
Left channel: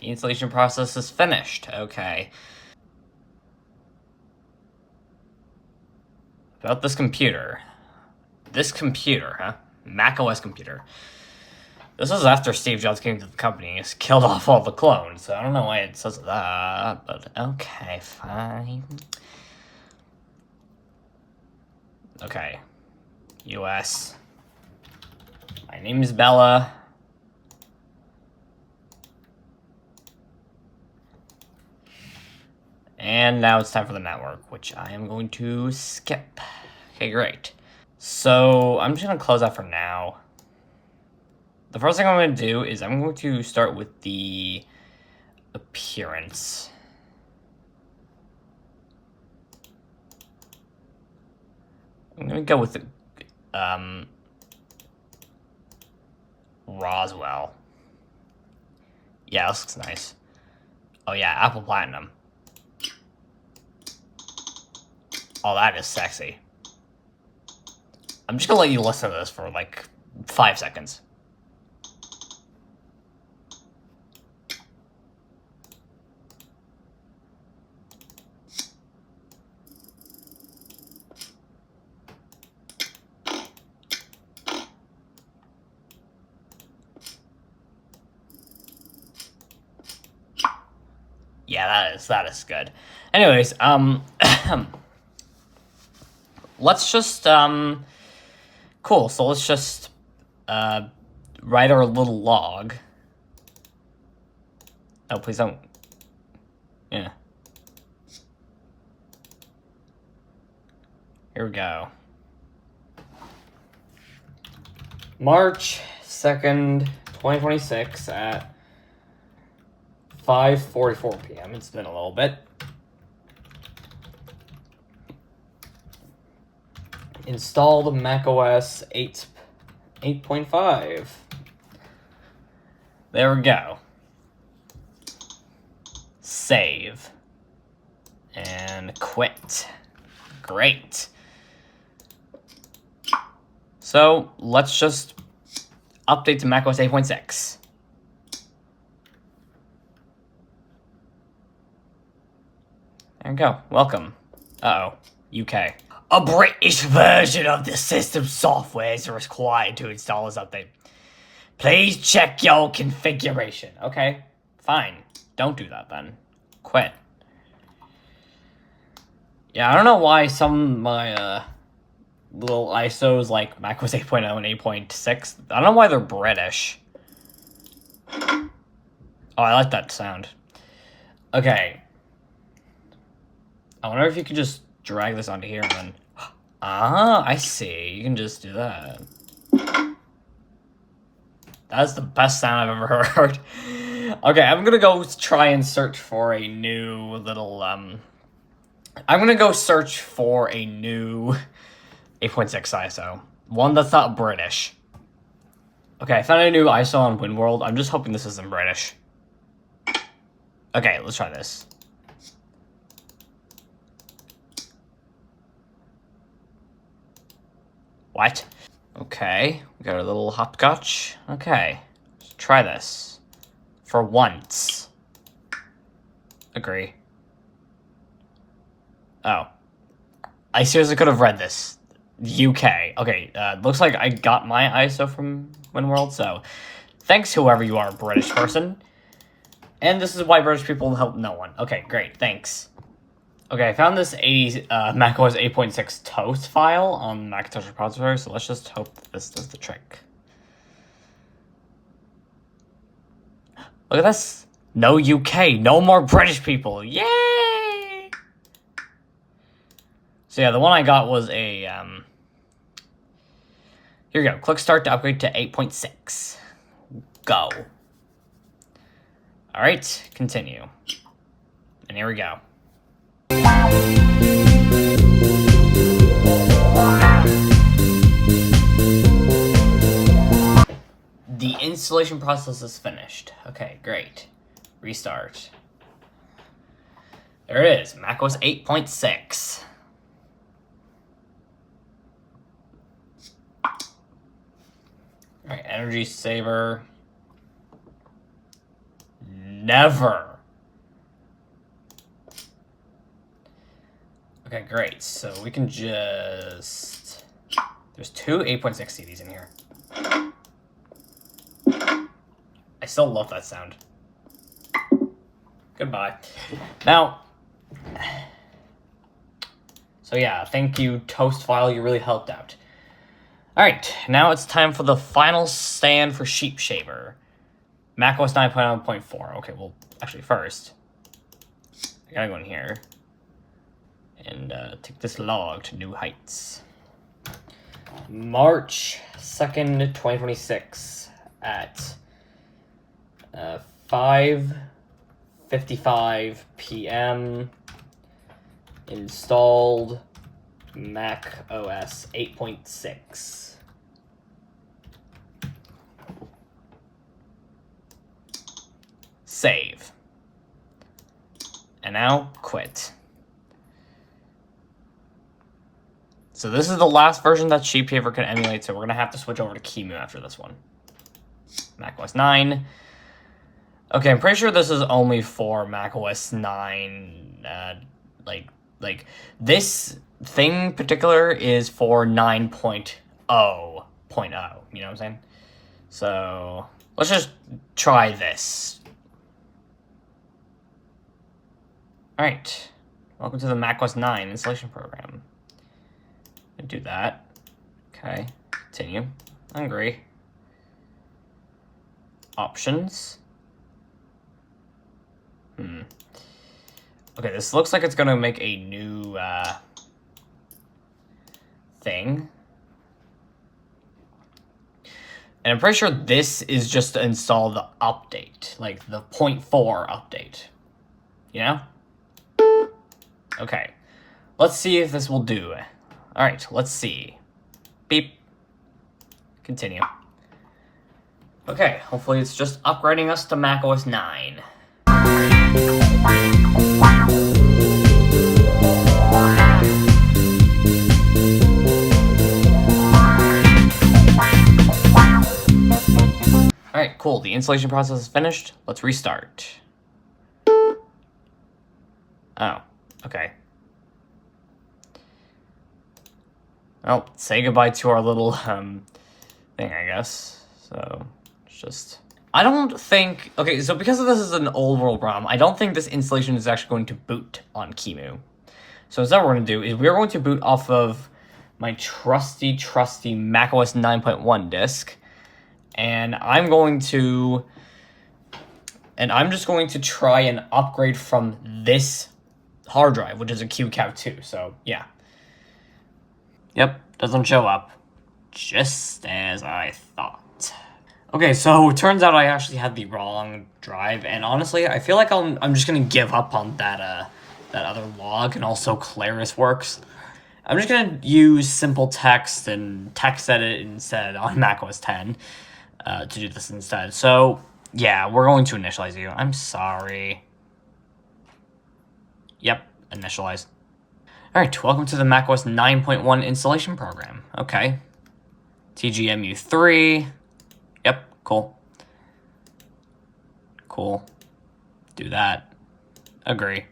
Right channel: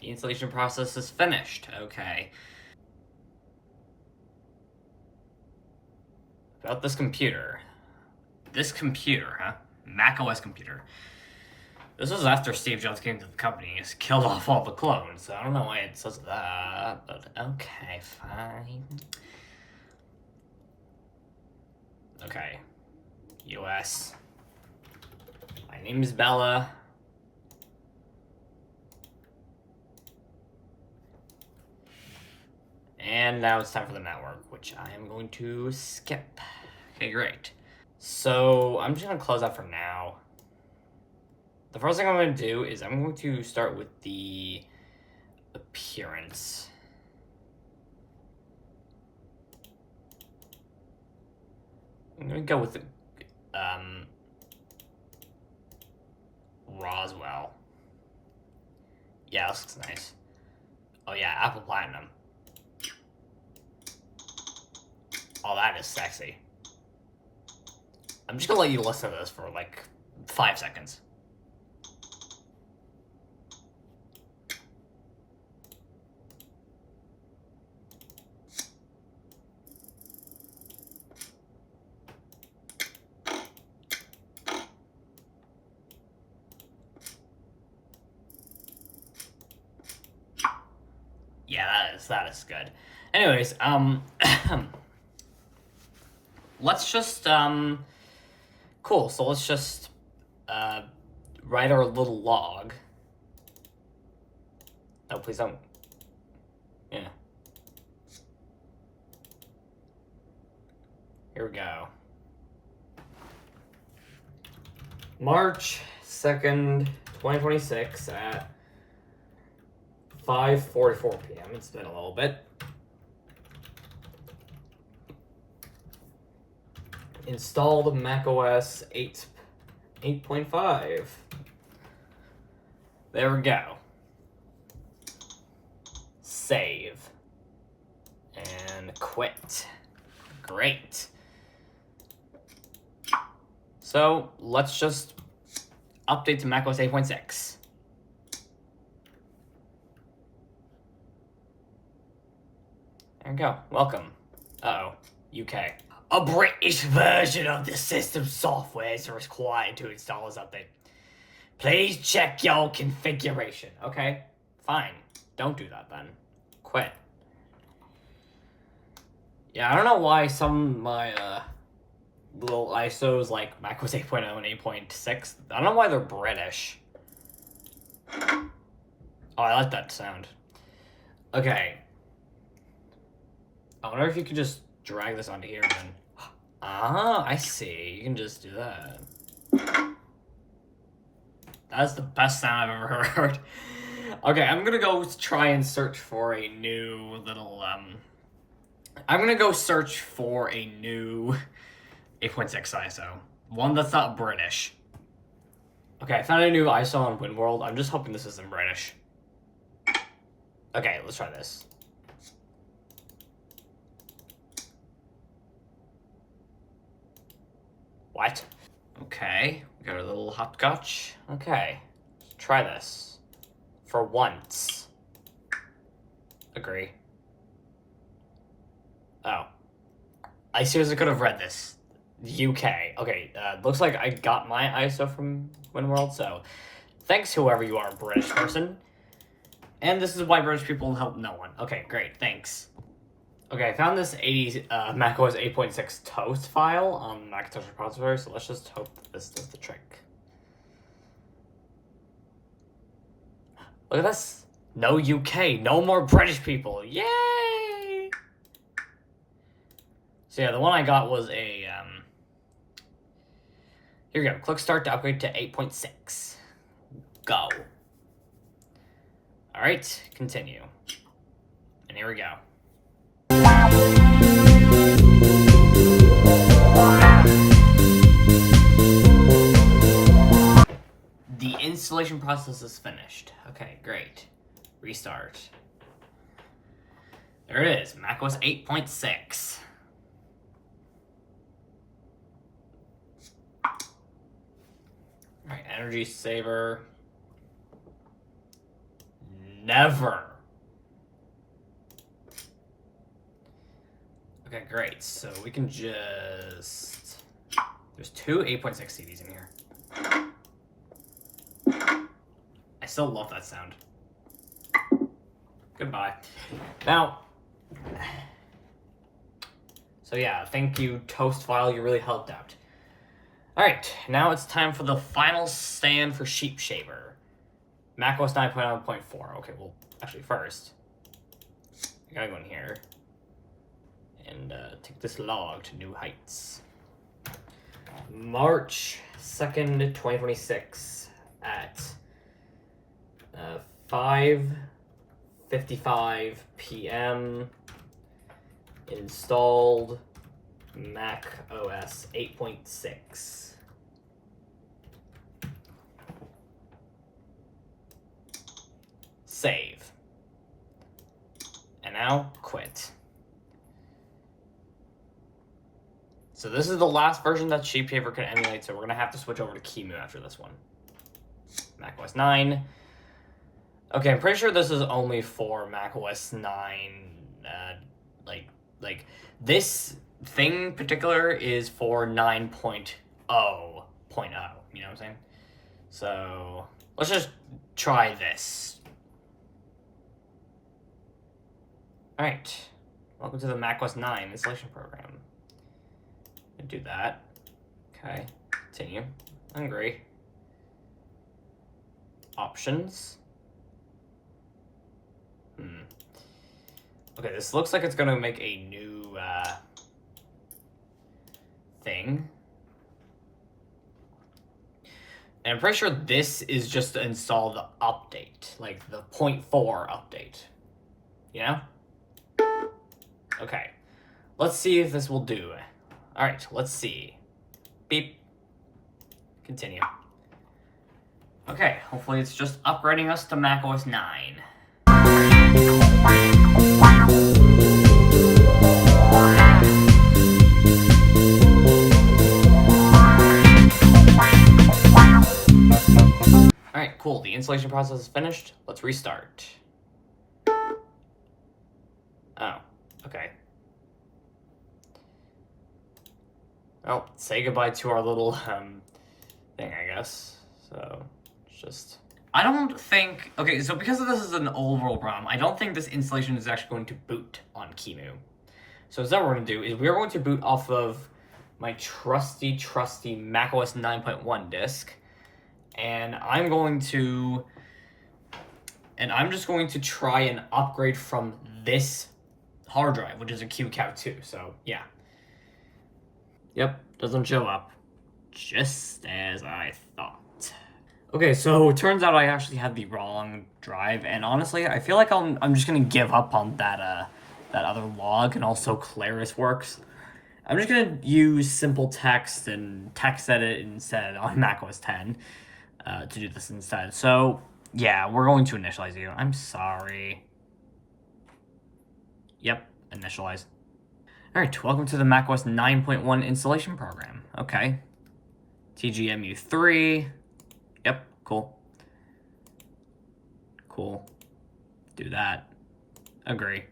installation process is finished. Okay. About this computer. This computer, huh? macOS computer. This was after Steve Jobs came to the company and just killed off all the clones. So I don't know why it says that, but okay, fine. Okay. US. My name is Bella. And now it's time for the network, which I am going to skip. Okay, great. So I'm just going to close out for now. The first thing I'm going to do is I'm going to start with the appearance. I'm going to go with the Roswell. Yeah, this looks nice. Oh yeah, Apple Platinum. Oh, that is sexy. I'm just gonna let you listen to this for like 5 seconds. Yeah, that is good. Anyways, let's just cool. So let's just write our little log. Oh, please don't. Yeah. Here we go. March 2nd, 2026 at 5:44 p.m. It's been a little bit. Installed macOS 8.5. There we go. Save. And quit. Great. So let's just update to macOS 8.6. go. Welcome. Uh-oh. UK. A British version of the system software is required to install this update. Please check your configuration. Okay, fine. Don't do that then. Quit. Yeah, I don't know why some of my little ISOs like macOS 8.0 and 8.6, I don't know why they're British. Oh, I like that sound. Okay. I wonder if you could just drag this onto here and then... Ah, I see. You can just do that. That's the best sound I've ever heard. Okay, I'm gonna go try and search for a new little, I'm gonna go search for a new 8.6 ISO. One that's not British. Okay, I found a new ISO on WinWorld. I'm just hoping this isn't British. Okay, let's try this. What? Okay, we got our little hopscotch. Okay, let's try this. For once. Agree. Oh. I seriously could have read this. UK. Okay, looks like I got my ISO from WinWorld, so thanks whoever you are, British person. And this is why British people help no one. Okay, great, thanks. Okay, I found this macOS 8.6 toast file on Macintosh repository, so let's just hope this does the trick. Look at this. No UK, no more British people. Yay! So yeah, the one I got was a, here we go. Click start to upgrade to 8.6. Go. All right, continue. And here we go. The installation process is finished. Okay, great. Restart. There it is, macOS 8.6. Alright, energy saver. Never. Okay, great. So we can just... There's two 8.6 CDs in here. I still love that sound. Goodbye. Now... So yeah, thank you, Toast File. You really helped out. Alright, now it's time for the final stand for Sheep Shaver. macOS 9.1.4. Okay, well, actually first, I gotta go in here and take this log to new heights. March 2nd, 2026 at 5:55 p.m. Installed macOS 8.6. Save. And now quit. So this is the last version that Sheep Shaver can emulate, so we're going to have to switch over to QEMU after this one. macOS 9. Okay, I'm pretty sure this is only for macOS 9. Like this thing particular is for 9.0.0. You know what I'm saying? So let's just try this. All right. Welcome to the macOS 9 installation program. Do that. Okay. Continue. Agree. Options. Okay, this looks like it's gonna make a new thing. And I'm pretty sure this is just to install the update, like the 0.4 update. You know? Okay. Let's see if this will do. Alright, let's see. Beep. Continue. Okay, hopefully it's just upgrading us to macOS 9. Alright, cool. The installation process is finished. Let's restart. Oh. Okay. Well, say goodbye to our little, thing, I guess. So, it's just... I don't think... Okay, so because this is an old world ROM, I don't think this installation is actually going to boot on QEMU. So instead what we're going to do is we're going to boot off of my trusty macOS 9.1 disk. And I'm just going to try and upgrade from this hard drive, which is a QCAP2. So, yeah. Yep, doesn't show up. Just as I thought. Okay, so it turns out I actually had the wrong drive, and honestly, I feel like I'm just gonna give up on that other log, and also Claris works. I'm just gonna use simple text and text edit instead on macOS 10 to do this instead. So yeah, we're going to initialize you. I'm sorry. Yep, initialize. All right, welcome to the macOS 9.1 installation program. Okay. TGMU3. Yep, cool. Cool. Do that. Agree.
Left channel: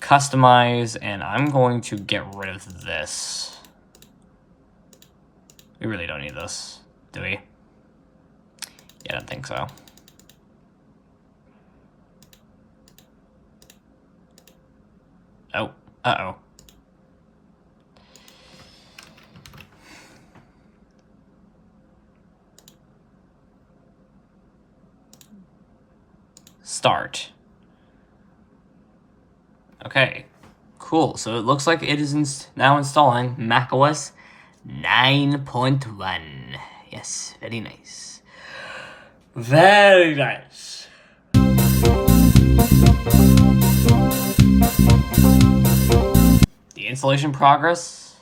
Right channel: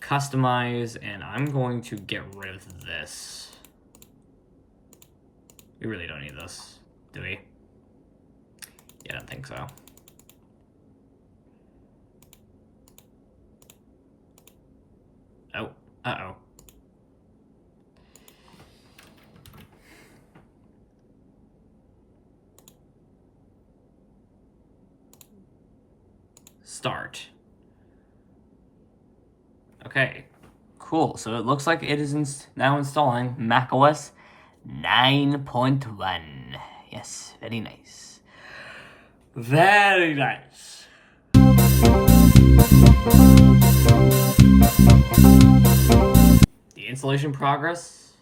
Customize, and I'm going to get rid of this. We really don't need this, do we? Yeah, I don't think so. Oh, uh-oh. Start. Okay, cool. So it looks like it is now installing macOS 9.1. Yes, very nice. Very nice. The installation progress?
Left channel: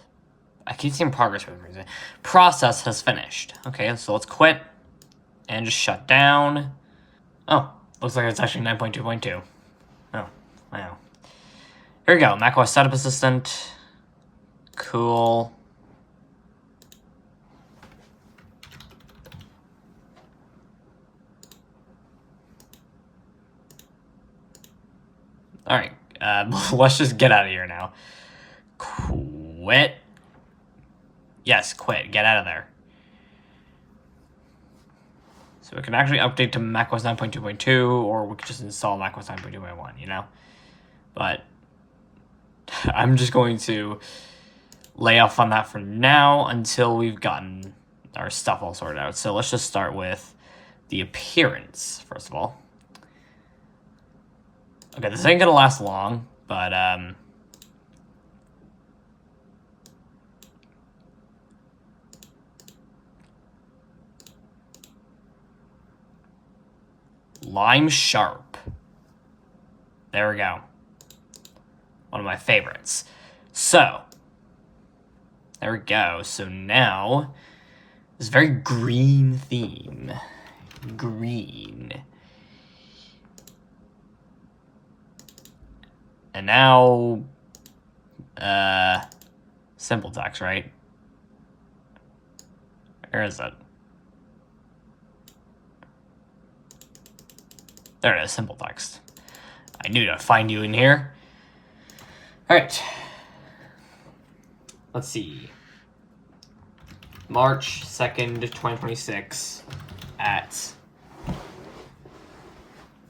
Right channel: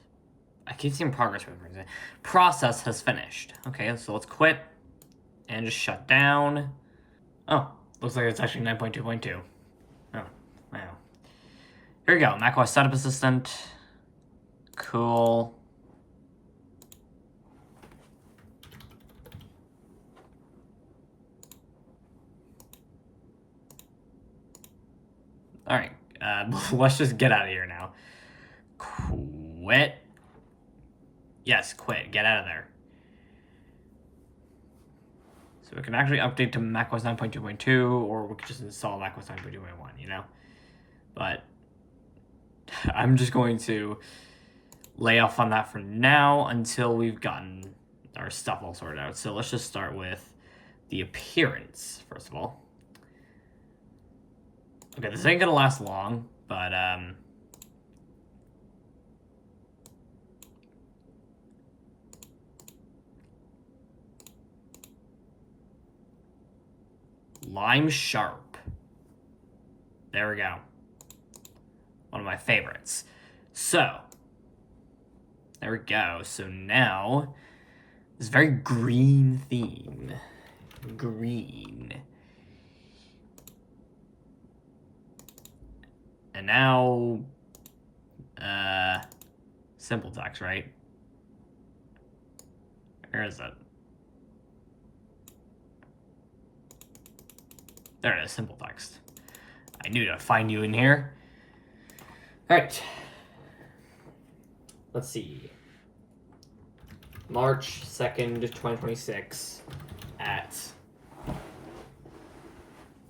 I keep seeing progress for some reason. Process has finished. Okay, so let's quit and just shut down. Oh, looks like it's actually 9.2.2. Oh, wow. Here we go, macOS Setup Assistant. Cool. All right, let's just get out of here now. Quit. Yes, quit. Get out of there. So we can actually update to macOS 9.2.2, or we could just install macOS 9.2.1, you know? But I'm just going to lay off on that for now until we've gotten our stuff all sorted out. So let's just start with the appearance, first of all. Okay, this ain't gonna last long, but Lime Sharp. There we go. One of my favorites. So, there we go. So now, this very green theme. Green. And now, simple text, right? Where is it? There it is, simple text. I knew to find you in here. All right. Let's see. March 2nd, 2026 at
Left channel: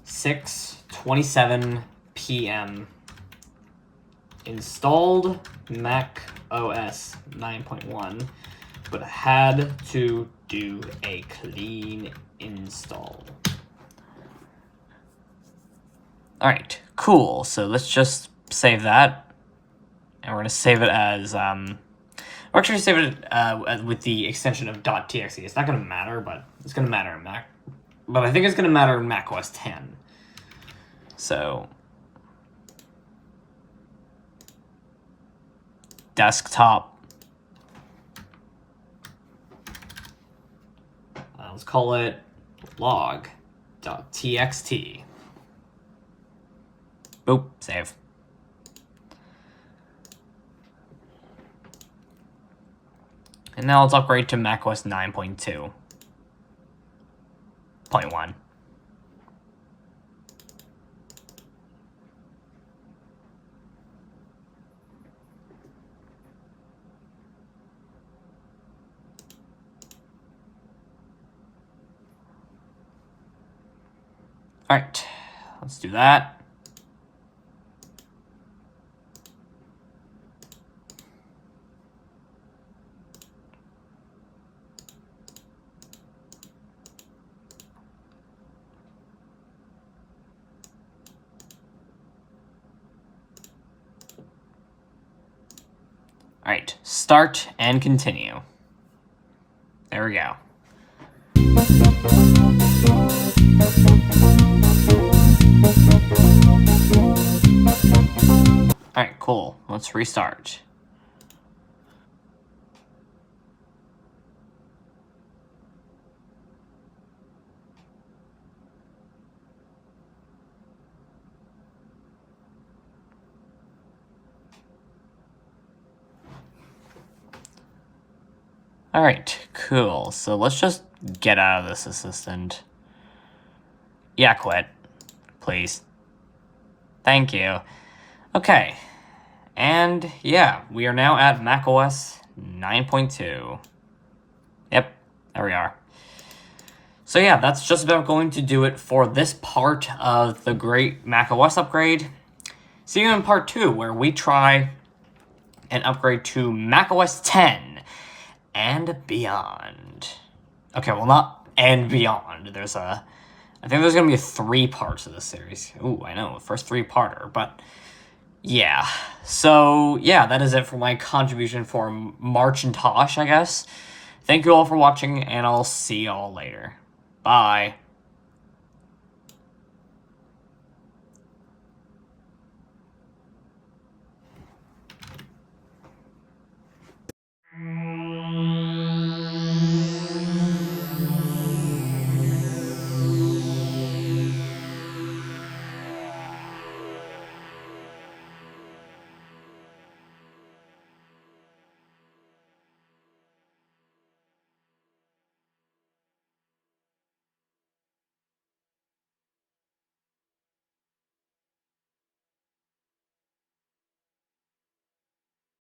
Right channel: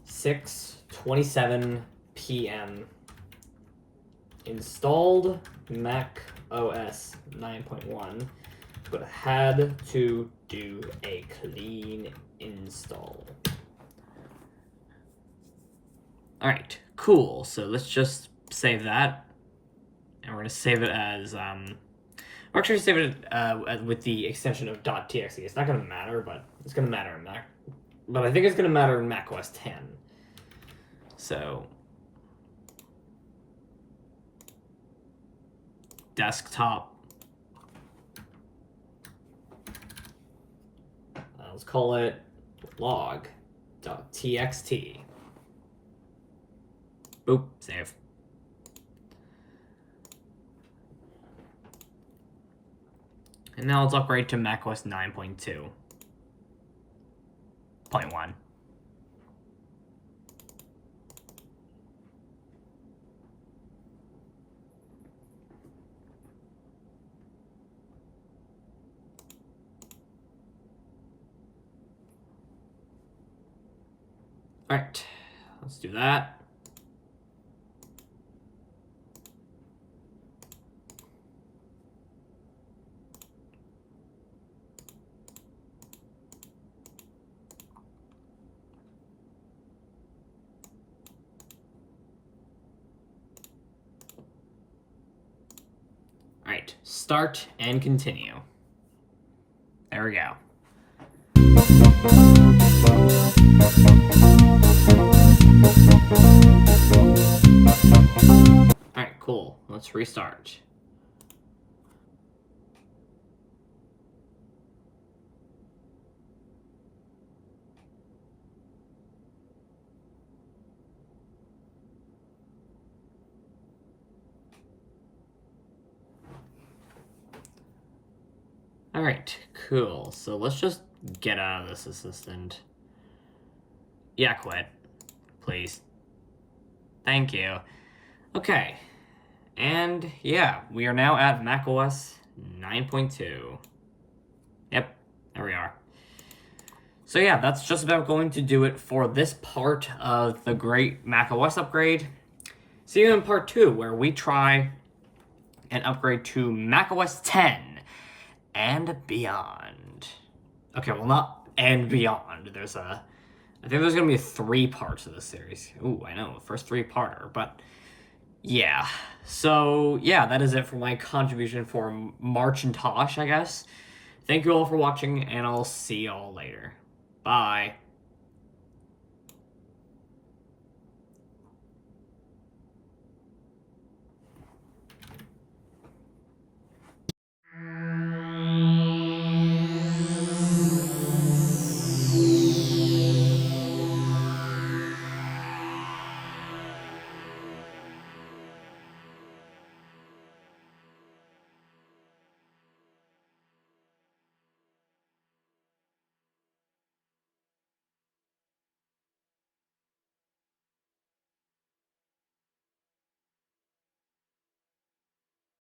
6:27 p.m. Installed Mac OS 9.1, but had to do a clean install. All right, cool. So let's just save that, and we're gonna save it as we're actually save it with the extension of .txt. It's not gonna matter, but it's gonna matter in Mac. But I think it's gonna matter in Mac OS 10. So desktop. Let's call it log.txt. Boop, save. And now let's upgrade to macOS 9.2.1. Alright, let's do that. Alright, start and continue. There we go. Alright, cool. Let's restart. Alright, cool. So let's just get out of this assistant. Yeah, quit. Please. Thank you. Okay. And yeah, we are now at macOS 9.2. Yep, there we are. So yeah, that's just about going to do it for this part of the great macOS upgrade. See you in part 2, where we try and upgrade to macOS 10 and beyond. Okay, well, not and beyond. I think there's gonna be 3 parts of this series. Ooh, I know, first 3-parter, but yeah. So yeah, that is it for my contribution for March and Tosh, I guess. Thank you all for watching, and I'll see y'all later. Bye.